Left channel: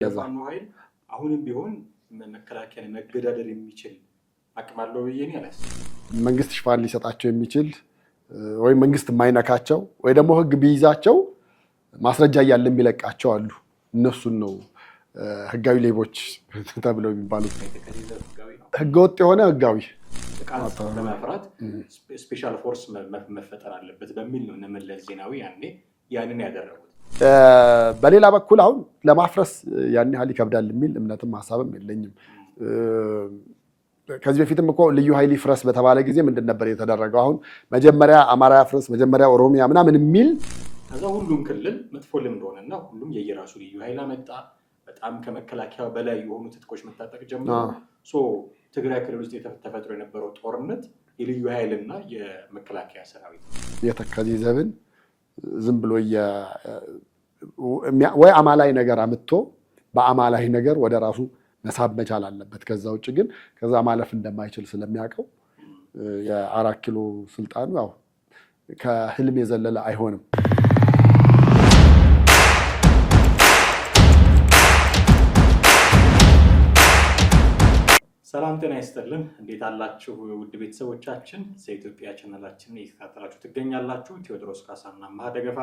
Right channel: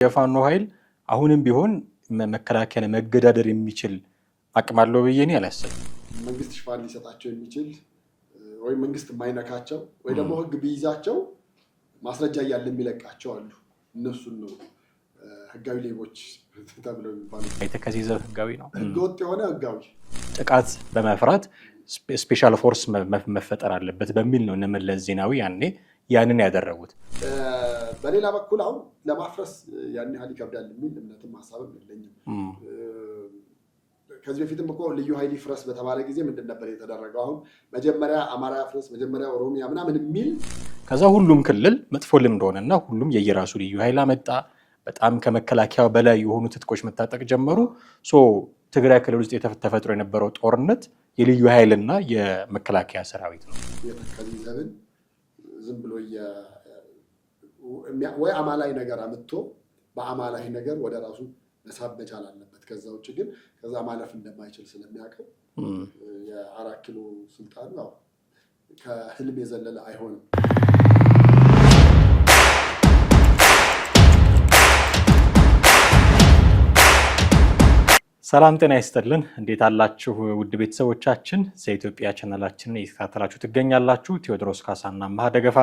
የፋኖ ኃይል አሁንም ቢሆን መከላከያን መገዳደር የሚችል አቅም አለው ብዬ እኔ አላስብም። መንግስት ሽፋን ሊሰጣቸው የሚችል ወይ መንግስት የማይነካቸው ወይ ደግሞ ህግ ቢይዛቸው ማስረጃ እያለ የሚለቃቸው አሉ። እነሱን ነው ህጋዊ ሌቦች ተብለው የሚባሉት። የተከዜ ዘብ ህጋዊ ነው። ህገወጥ የሆነ ህጋዊ ጥቃት በመፍራት ስፔሻል ፎርስ መፈጠር አለበት በሚል ነው እነ መለስ ዜናዊ ያንን ያደረጉት። በሌላ በኩል አሁን ለማፍረስ ያን ያህል ይከብዳል የሚል እምነትም ሀሳብም የለኝም። ከዚህ በፊትም እኮ ልዩ ኃይል ይፍረስ በተባለ ጊዜ ምንድን ነበር የተደረገው? አሁን መጀመሪያ አማራ ያፍረስ፣ መጀመሪያ ኦሮሚያ ምናምን የሚል ከዛ ሁሉም ክልል መጥፎ ልምድ ሆነና ሁሉም የየራሱ ልዩ ኃይል አመጣ። በጣም ከመከላከያው በላይ የሆኑ ትጥቆች መታጠቅ ጀመሩ። ትግራይ ክልል ውስጥ ተፈጥሮ የነበረው ጦርነት የልዩ ኃይልና የመከላከያ ሰራዊት ነው። የተከዜ ዘብን ዝም ብሎ ወይ አማላይ ነገር አምጥቶ በአማላይ ነገር ወደ ራሱ መሳብ መቻል አለበት። ከዛ ውጭ ግን ከዛ ማለፍ እንደማይችል ስለሚያውቀው የ4 ኪሎ ስልጣኑ ያው ከህልም የዘለለ አይሆንም። ሰላም ጤና ይስጥልን። እንዴት አላችሁ ውድ ቤተሰቦቻችን? ዘኢትዮጵያ ቻናላችንን እየተከታተላችሁ ትገኛላችሁ። ቴዎድሮስ ካሳና አማሃ ደገፋ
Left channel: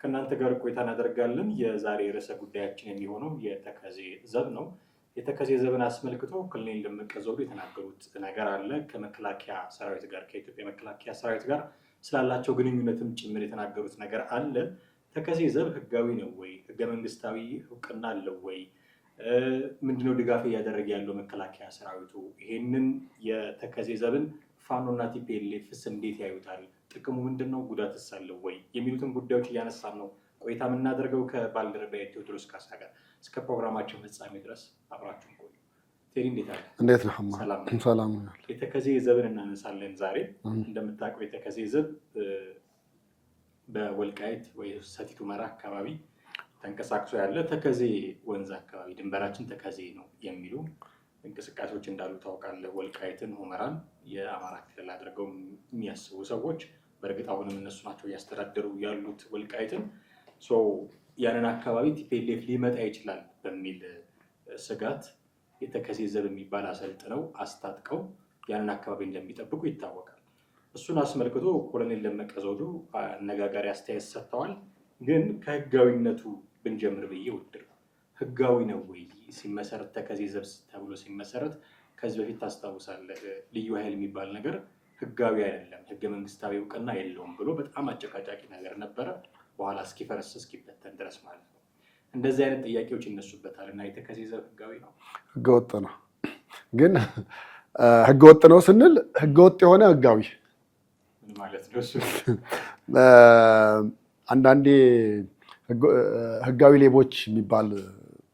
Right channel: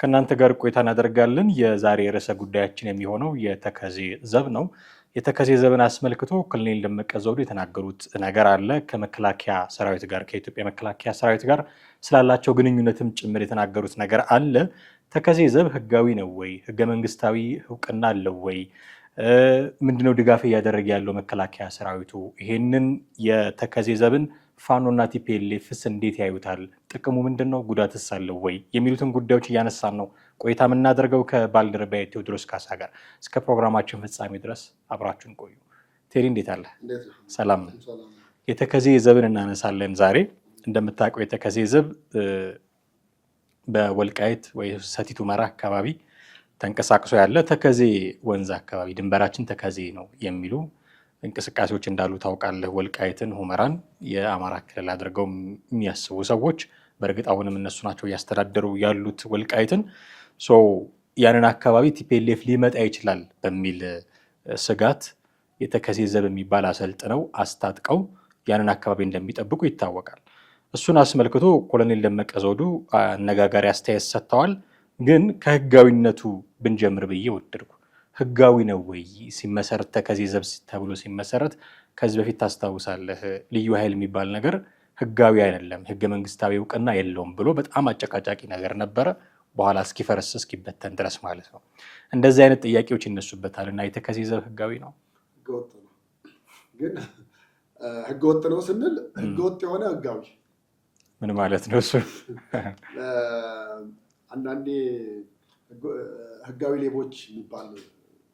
ከእናንተ ጋር ቆይታ እናደርጋለን። የዛሬ ርዕሰ ጉዳያችን የሚሆነው የተከዜ ዘብ ነው። የተከዜ ዘብን አስመልክቶ ኮሎኔል ደመቀ ዘውዱ የተናገሩት ነገር አለ። ከመከላከያ ሰራዊት ጋር ከኢትዮጵያ መከላከያ ሰራዊት ጋር ስላላቸው ግንኙነትም ጭምር የተናገሩት ነገር አለ። ተከዜ ዘብ ህጋዊ ነው ወይ? ህገ መንግስታዊ እውቅና አለው ወይ? ምንድነው ድጋፍ እያደረገ ያለው መከላከያ ሰራዊቱ? ይሄንን የተከዜ ዘብን ፋኖና ቲፒኤልኤፍስ እንዴት ያዩታል? ጥቅሙ ምንድነው? ጉዳትስ አለው ወይ? የሚሉትን ጉዳዮች እያነሳን ነው ቆይታ የምናደርገው ከባልደረባዬ ቴዎድሮስ ካሳ ጋር። እስከ ፕሮግራማችን ፍጻሜ ድረስ አብራችሁን ቆዩ። ቴሪ እንዴት አለ? እንዴት ነው? ሰላም ነው። ሰላም ነው። የተከዜ ዘብን እናነሳለን ዛሬ። እንደምታውቀው የተከዜ ዘብ በወልቃይት ወይ ሰቲት ሁመራ አካባቢ ተንቀሳቅሶ ያለ ተከዜ ወንዝ አካባቢ ድንበራችን ተከዜ ነው የሚሉ እንቅስቃሴዎች እንዳሉ ታውቃለህ። ወልቃይትን ሁመራን የአማራ ክልል አድርገው የሚያስቡ ሰዎች በእርግጥ አሁንም እነሱ ናቸው እያስተዳደሩ ያሉት ወልቃይትን። ያንን አካባቢ ቲፒኤልኤፍ ሊመጣ ይችላል በሚል ስጋት የተከዜ ዘብ የሚባል አሰልጥነው አስታጥቀው ያንን አካባቢ እንደሚጠብቁ ይታወቃል። እሱን አስመልክቶ ኮሎኔል ደመቀ ዘውዱ አነጋጋሪ አስተያየት ሰጥተዋል። ግን ከህጋዊነቱ ብንጀምር ብዬ ወደድኩ። ህጋዊ ነው ወይ ሲመሰረት? ተከዜ ዘብ ተብሎ ሲመሰረት ከዚህ በፊት ታስታውሳለህ፣ ልዩ ኃይል የሚባል ነገር ህጋዊ አይደለም፣ ህገ መንግስታዊ እውቅና የለውም ብሎ በጣም አጨቃጫቂ ነገር ነበረ። በኋላ እስኪፈርስ እስኪበተን ድረስ ማለት ነው። እንደዚህ አይነት ጥያቄዎች ይነሱበታል። እና የተከዜ ዘብ ህጋዊ ነው? ህገወጥ ነው። ግን ህገወጥ ነው ስንል ህገወጥ የሆነ ህጋዊ ምን ማለት ነው? እሱ አንዳንዴ ህጋዊ ሌቦች የሚባል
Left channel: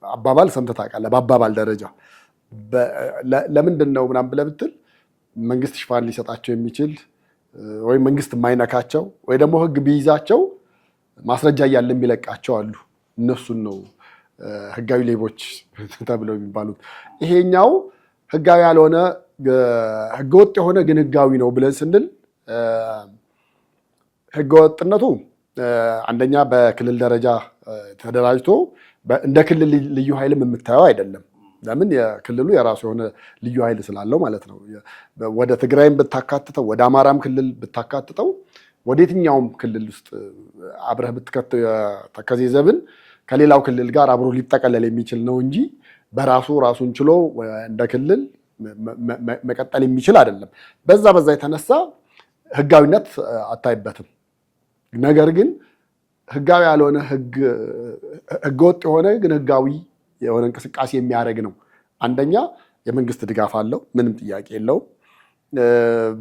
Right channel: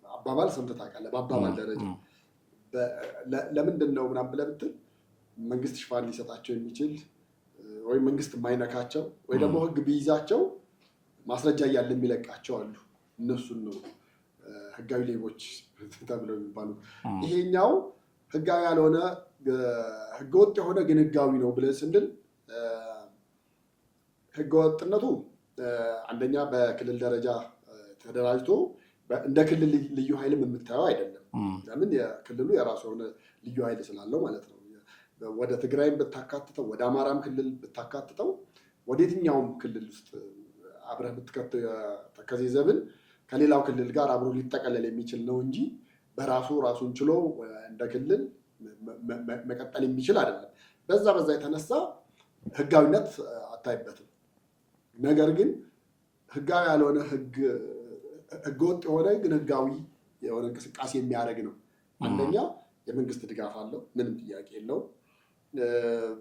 አባባል ሰምተህ ታውቃለህ? በአባባል ደረጃ ለምንድን ነው ምናምን ብለህ ብትል መንግስት ሽፋን ሊሰጣቸው የሚችል ወይ መንግስት የማይነካቸው ወይ ደግሞ ህግ ቢይዛቸው ማስረጃ እያለ የሚለቃቸው አሉ። እነሱን ነው ህጋዊ ሌቦች ተብለው የሚባሉት። ይሄኛው ህጋዊ ያልሆነ ህገወጥ የሆነ ግን ህጋዊ ነው ብለን ስንል ህገወጥነቱ አንደኛ በክልል ደረጃ ተደራጅቶ እንደ ክልል ልዩ ኃይልም የምታየው አይደለም። ለምን? የክልሉ የራሱ የሆነ ልዩ ኃይል ስላለው ማለት ነው። ወደ ትግራይም ብታካትተው ወደ አማራም ክልል ብታካትተው ወደ የትኛውም ክልል ውስጥ አብረህ ብትከተው የተከዜ ዘብን ከሌላው ክልል ጋር አብሮ ሊጠቀለል የሚችል ነው እንጂ በራሱ ራሱን ችሎ እንደ ክልል መቀጠል የሚችል አይደለም። በዛ የተነሳ ህጋዊነት አታይበትም። ነገር ግን ህጋዊ ያልሆነ ህገወጥ የሆነ ግን ህጋዊ የሆነ እንቅስቃሴ የሚያደርግ ነው። አንደኛ የመንግስት ድጋፍ አለው፣ ምንም ጥያቄ የለውም።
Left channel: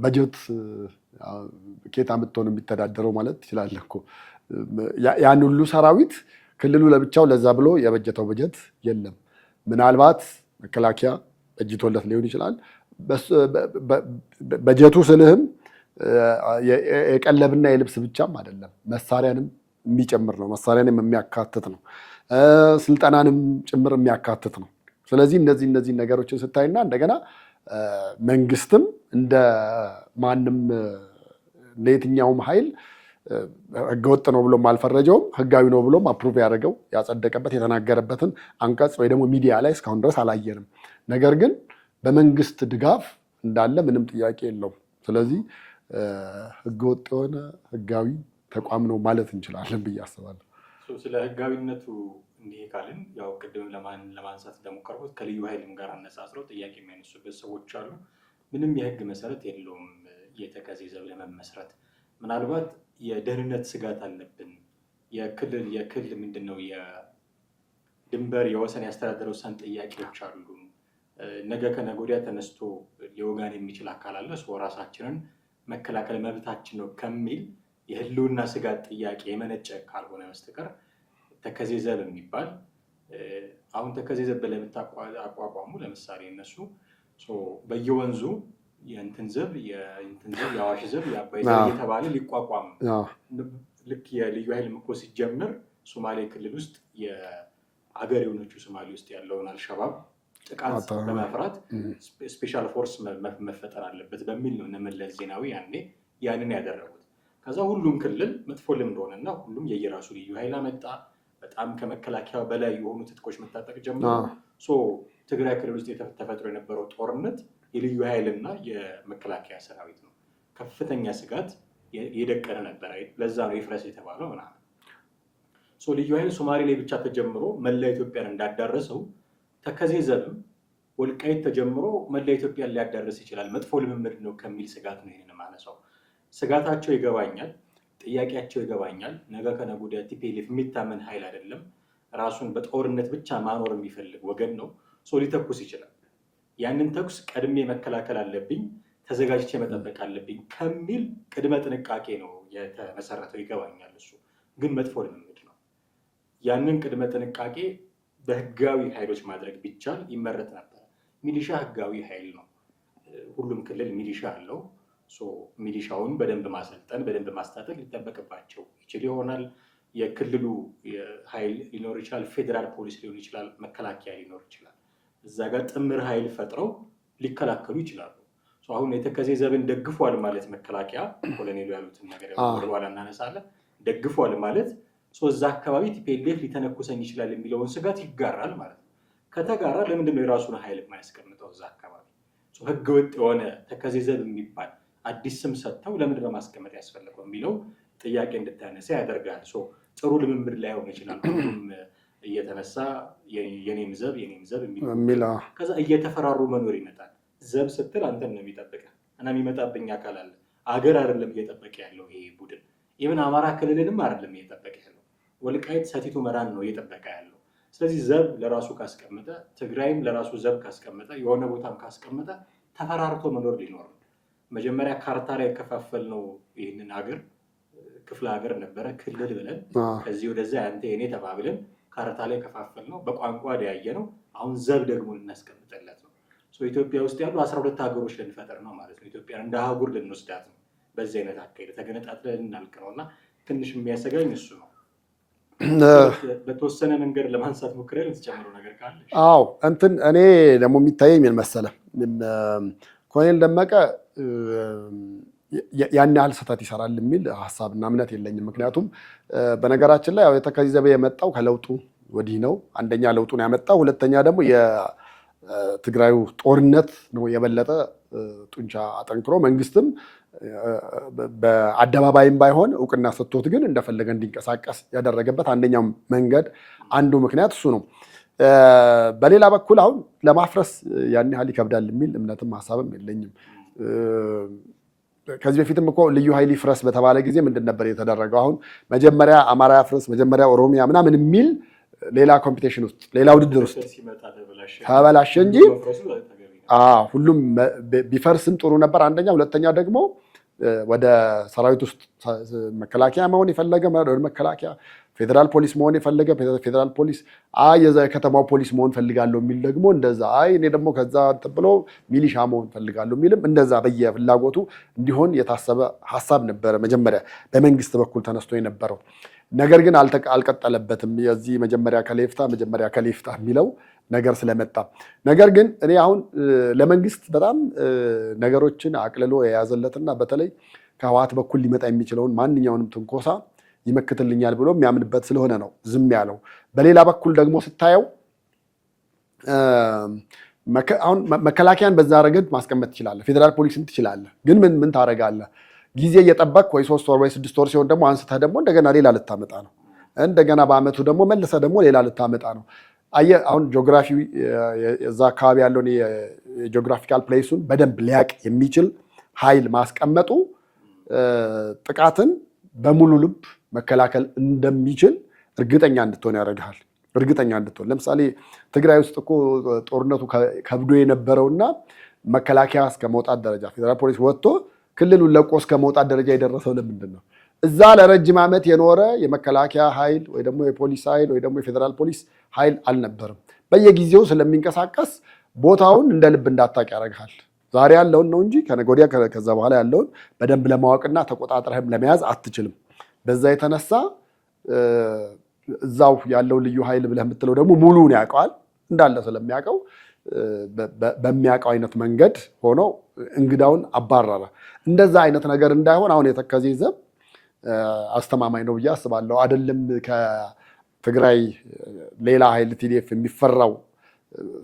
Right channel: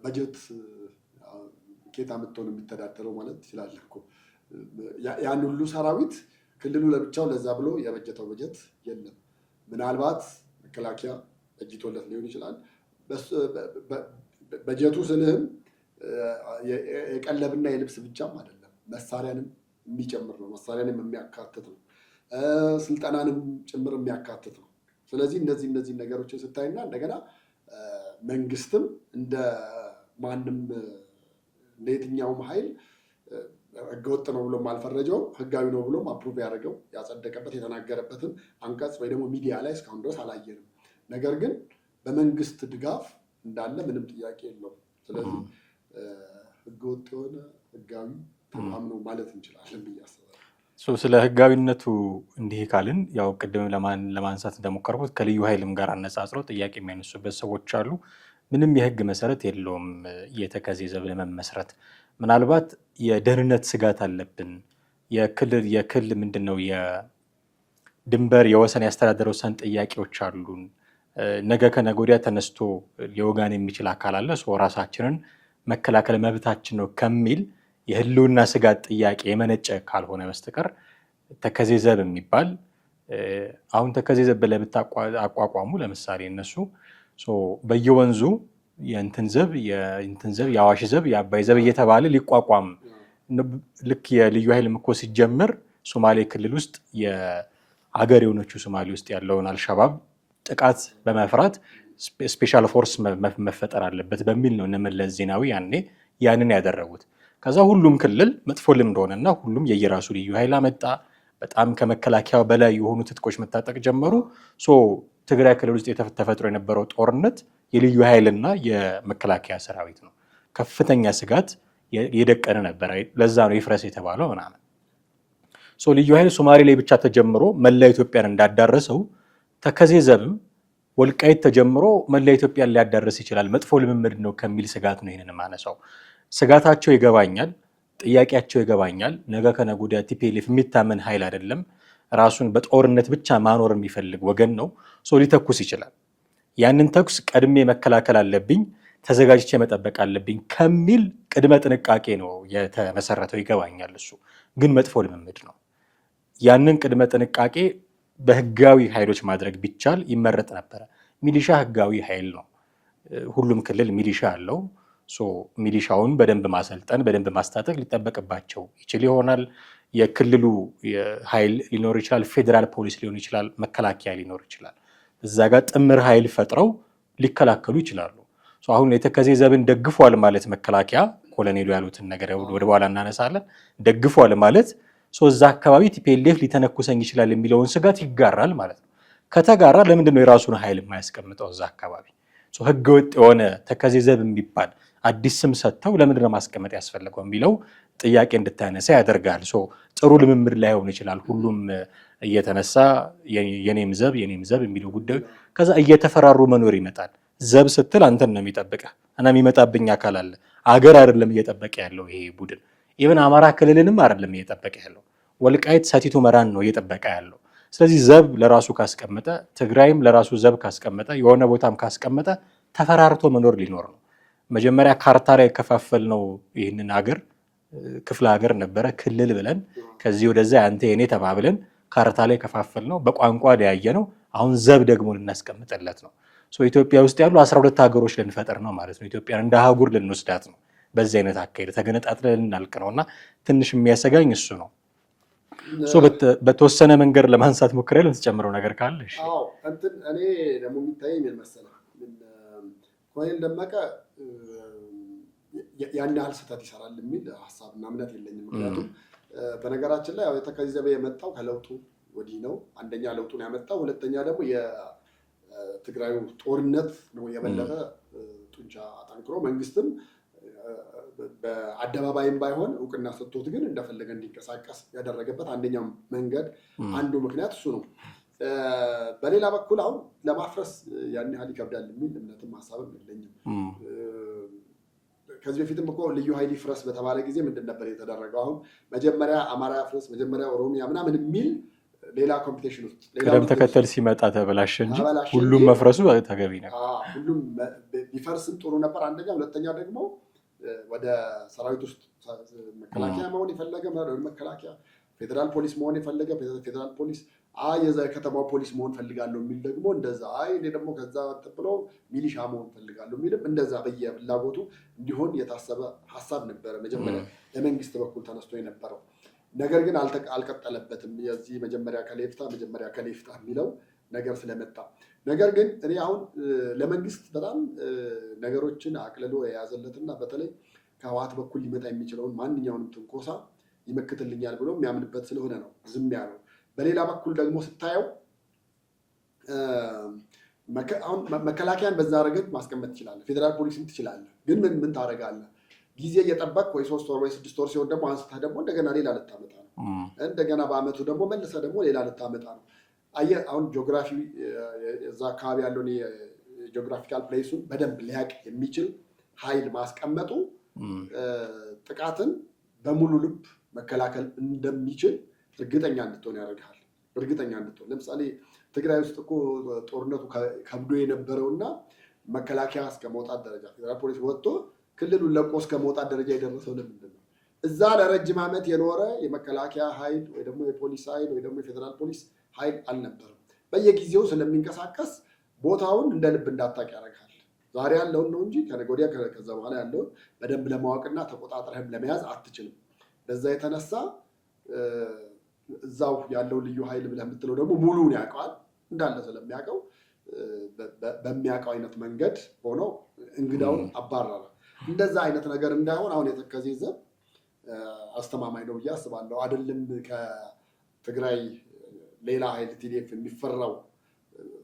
በጀት ኬታ ምትሆን የሚተዳደረው ማለት ትችላለህ እኮ። ያን ሁሉ ሰራዊት ክልሉ ለብቻው ለዛ ብሎ የበጀተው በጀት የለም። ምናልባት መከላከያ በጅቶለት ሊሆን ይችላል። በጀቱ ስልህም የቀለብና የልብስ ብቻም አይደለም፣ መሳሪያንም የሚጨምር ነው። መሳሪያንም የሚያካትት ነው። ስልጠናንም ጭምር የሚያካትት ነው። ስለዚህ እነዚህ ነገሮችን ስታይና እንደገና መንግስትም እንደ ማንም ለየትኛውም ኃይል ህገወጥ ነው ብሎም አልፈረጀውም፣ ህጋዊ ነው ብሎም አፕሩቭ ያደረገው ያጸደቀበት የተናገረበትን አንቀጽ ወይ ደግሞ ሚዲያ ላይ እስካሁን ድረስ አላየንም። ነገር ግን በመንግስት ድጋፍ እንዳለ ምንም ጥያቄ የለውም። ስለዚህ ህገወጥ የሆነ ህጋዊ ተቋም ነው ማለት እንችላለን ብዬ አስባለሁ። ስለ ህጋዊነቱ እንዲህ ካልን ያው ቅድም ለማንሳት እንደሞከርኩት ከልዩ ኃይልም ጋር አነጻጽረው ጥያቄ የሚያነሱበት ሰዎች አሉ። ምንም የህግ መሰረት የለውም የተከዜ ዘብ ለመመስረት። ምናልባት የደህንነት ስጋት አለብን፣ የክልል ምንድነው የድንበር የወሰን ያስተዳደር ወሰን ጥያቄዎች አሉን፣ ነገ ከነገ ወዲያ ተነስቶ ሊወጋን የሚችል አካል አለ፣ ራሳችንን መከላከል መብታችን ነው ከሚል የህልውና ስጋት ጥያቄ የመነጨ ካልሆነ በስተቀር ተከዜ ዘብ የሚባል አሁን ተከዜ ዘብ ብለህ አቋቋሙ ለምሳሌ እነሱ በየወንዙ የእንትን ዘብ የአዋሽ ዘብ የአባይ ዘብ እየተባለ ሊቋቋም ልክ የልዩ ኃይል እኮ ሲጀምር ሶማሌ ክልል ውስጥ የአገር የሆነችው ሶማሌ ውስጥ ያለውን አልሸባብ ጥቃት በመፍራት ስፔሻል ፎርስ መፈጠር አለበት በሚል ነው እነ መለስ ዜናዊ ያኔ ያንን ያደረጉት። ከዛ ሁሉም ክልል መጥፎ ልምድ ሆነና ሁሉም የየራሱ ልዩ ኃይል አመጣ። በጣም ከመከላከያው በላይ የሆኑ ትጥቆች መታጠቅ ጀመሩ። ትግራይ ክልል ውስጥ ተፈጥሮ የነበረው ጦርነት የልዩ ኃይልና የመከላከያ ሰራዊት ነው። ከፍተኛ ስጋት የደቀነ ነበር። ለዛ ነው ይፍረስ የተባለው ምናምን። ልዩ ኃይል ሶማሌ ላይ ብቻ ተጀምሮ መላ ኢትዮጵያን እንዳዳረሰው ተከዜ ዘብም ወልቃይት ተጀምሮ መላ ኢትዮጵያን ሊያዳርስ ይችላል፣ መጥፎ ልምምድ ነው ከሚል ስጋት ነው ይህንን ማነሳው። ስጋታቸው ይገባኛል፣ ጥያቄያቸው ይገባኛል። ነገ ከነገ ወዲያ ቲፒኤልኤፍ የሚታመን ኃይል አይደለም፣ ራሱን በጦርነት ብቻ ማኖር የሚፈልግ ወገን ነው። ሊተኩስ ይችላል። ያንን ተኩስ ቀድሜ መከላከል አለብኝ፣ ተዘጋጅቼ መጠበቅ አለብኝ ከሚል ቅድመ ጥንቃቄ ነው የተመሰረተው። ይገባኛል። እሱ ግን መጥፎ ልምምድ ነው። ያንን ቅድመ ጥንቃቄ በህጋዊ ኃይሎች ማድረግ ቢቻል ይመረጥ ነበረ። ሚሊሻ ህጋዊ ኃይል ነው። ሁሉም ክልል ሚሊሻ አለው። ሚሊሻውን በደንብ ማሰልጠን በደንብ ማስታጠቅ ሊጠበቅባቸው ይችል ይሆናል። የክልሉ ኃይል ሊኖር ይችላል፣ ፌዴራል ፖሊስ ሊሆን ይችላል፣ መከላከያ ሊኖር ይችላል። እዛ ጋር ጥምር ኃይል ፈጥረው ሊከላከሉ ይችላሉ። አሁን የተከዜ ዘብን ደግፏል ማለት መከላከያ ኮሎኔሉ ያሉትን ነገር ወደ በኋላ እናነሳለን። ደግፏል ማለት እዛ አካባቢ ቲፒኤልኤፍ ሊተነኩሰኝ ይችላል የሚለውን ስጋት ይጋራል ማለት ነው። ከተጋራ ለምንድን ነው የራሱን ኃይል የማያስቀምጠው እዛ አካባቢ? ህገወጥ የሆነ ተከዜ ዘብ የሚባል አዲስ ስም ሰጥተው ለምንድን ነው ማስቀመጥ ያስፈልገው የሚለው ጥያቄ እንድታነሳ ያደርጋል። ጥሩ ልምምድ ላይሆን ይችላል። ሁሉም እየተነሳ የኔም ዘብ የሚለው ጉዳይ ከዛ እየተፈራሩ መኖር ይመጣል። ዘብ ስትል አንተን ነው የሚጠብቀህ እና የሚመጣብኝ አካል አለ። አገር አይደለም እየጠበቀ ያለው ይሄ ቡድን። ኢቨን አማራ ክልልንም አይደለም እየጠበቀ ያለው፣ ወልቃይት ሰቲት ሁመራን ነው እየጠበቀ ያለው። ስለዚህ ዘብ ለራሱ ካስቀመጠ፣ ትግራይም ለራሱ ዘብ ካስቀመጠ፣ የሆነ ቦታም ካስቀመጠ ተፈራርቶ መኖር ሊኖር ነው። መጀመሪያ ካርታ ላይ ከፋፈል ነው ይህንን ሀገር ክፍለ ሀገር ነበረ ክልል ብለን ከዚህ ወደዛ አንተ የኔ ተባብለን ካርታ ላይ ከፋፈል ነው፣ በቋንቋ ለያየ ነው። አሁን ዘብ ደግሞ ልናስቀምጥለት ነው። ኢትዮጵያ ውስጥ ያሉ 12 ሀገሮች ልንፈጥር ነው ማለት ነው። ኢትዮጵያን እንደ አህጉር ልንወስዳት ነው። በዚህ አይነት አካሄድ ተገነጣጥለን ልናልቅ ነው እና ትንሽ የሚያሰጋኝ እሱ ነው። በተወሰነ መንገድ ለማንሳት ሞክሬ ልትጨምረው ነገር ካለ? አዎ እኔ ደግሞ የሚታየኝ ምን መሰለህ፣ ኮሎኔል ደመቀ ያን ያህል ስህተት ይሰራል የሚል ሀሳብና እምነት የለኝም። ምክንያቱም በነገራችን ላይ የተከዜ ዘብ የመጣው ከለውጡ ወዲህ ነው። አንደኛ ለውጡን ያመጣው፣ ሁለተኛ ደግሞ የትግራዩ ጦርነት ነው የበለጠ ጡንቻ አጠንክሮ መንግስትም በአደባባይም ባይሆን እውቅና ሰጥቶት ግን እንደፈለገ እንዲንቀሳቀስ ያደረገበት አንደኛው መንገድ አንዱ ምክንያት እሱ ነው። በሌላ በኩል አሁን ለማፍረስ ያን ያህል ይከብዳል የሚል እምነትም ሀሳብም የለኝም። ከዚህ በፊትም እኮ ልዩ ኃይል ይፍረስ በተባለ ጊዜ ምንድን ነበር የተደረገው? አሁን መጀመሪያ አማራ ያፍረስ፣ መጀመሪያ ኦሮሚያ ምናምን የሚል ሌላ ኮምፒቴሽን ውስጥ ሌላ ተከተል ሲመጣ ተበላሸ እንጂ መፍረሱ ተገቢ ነው። ሁሉም ቢፈርስም ጥሩ ነበር አንደኛ። ሁለተኛ ደግሞ ወደ ሰራዊት ውስጥ መከላከያ መሆን የፈለገ መከላከያ፣ ፌዴራል ፖሊስ መሆን የፈለገ ፌዴራል ፖሊስ፣ የከተማው ፖሊስ መሆን ፈልጋለሁ የሚል ደግሞ እንደዛ፣ እኔ ደግሞ ከዛ ብሎ ሚሊሻ መሆን ፈልጋለሁ የሚልም እንደዛ በየፍላጎቱ እንዲሆን የታሰበ ሀሳብ ነበረ መጀመሪያ በመንግስት በኩል ተነስቶ የነበረው። ነገር ግን አልቀጠለበትም። የዚህ መጀመሪያ ከሌፍታ የሚለው ነገር ስለመጣ። ነገር ግን እኔ አሁን ለመንግስት በጣም ነገሮችን አቅልሎ የያዘለትና በተለይ ከህወሓት በኩል ሊመጣ የሚችለውን ማንኛውንም ትንኮሳ ይመክትልኛል ብሎ የሚያምንበት ስለሆነ ነው ዝም ያለው። በሌላ በኩል ደግሞ ስታየው አሁን መከላከያን በዛ ረገድ ማስቀመጥ ትችላለህ፣ ፌዴራል ፖሊስን ትችላለህ። ግን ምን ታደርጋለህ? ጊዜ እየጠበቅ ወይ 3 ወር ወይ 6 ወር ሲሆን ደግሞ አንስተህ ደግሞ እንደገና ሌላ ልታመጣ ነው። እንደገና በአመቱ ደግሞ መልሰህ ደግሞ ሌላ ልታመጣ ነው። አየህ አሁን ጂኦግራፊ እዛ አካባቢ ያለውን የጂኦግራፊካል ፕሌሱን በደንብ ሊያቅ የሚችል ኃይል ማስቀመጡ ጥቃትን በሙሉ ልብ መከላከል እንደሚችል እርግጠኛ እንድትሆን ያደርግሃል። እርግጠኛ እንድትሆን ለምሳሌ ትግራይ ውስጥ እኮ ጦርነቱ ከብዶ የነበረውና መከላከያ እስከ መውጣት ደረጃ ፌዴራል ፖሊስ ወጥቶ ክልሉን ለቆ እስከ መውጣት ደረጃ የደረሰው ለምንድን ነው? እዛ ለረጅም ዓመት የኖረ የመከላከያ ኃይል ወይ ደግሞ የፖሊስ ኃይል ወይ ደግሞ የፌዴራል ፖሊስ ኃይል አልነበርም። በየጊዜው ስለሚንቀሳቀስ ቦታውን እንደ ልብ እንዳታቅ ያደርግሃል። ዛሬ ያለውን ነው እንጂ ከነገ ወዲያ ከዛ በኋላ ያለውን በደንብ ለማወቅና ተቆጣጥረህም ለመያዝ አትችልም። በዛ የተነሳ እዛው ያለው ልዩ ኃይል ብለህ የምትለው ደግሞ ሙሉውን ያውቀዋል እንዳለ ስለሚያውቀው በሚያውቀው አይነት መንገድ ሆኖ እንግዳውን አባረረ። እንደዛ አይነት ነገር እንዳይሆን አሁን የተከዜ ዘብ አስተማማኝ ነው ብዬ አስባለሁ። አይደለም ከትግራይ ሌላ ኃይል ቲዲኤፍ የሚፈራው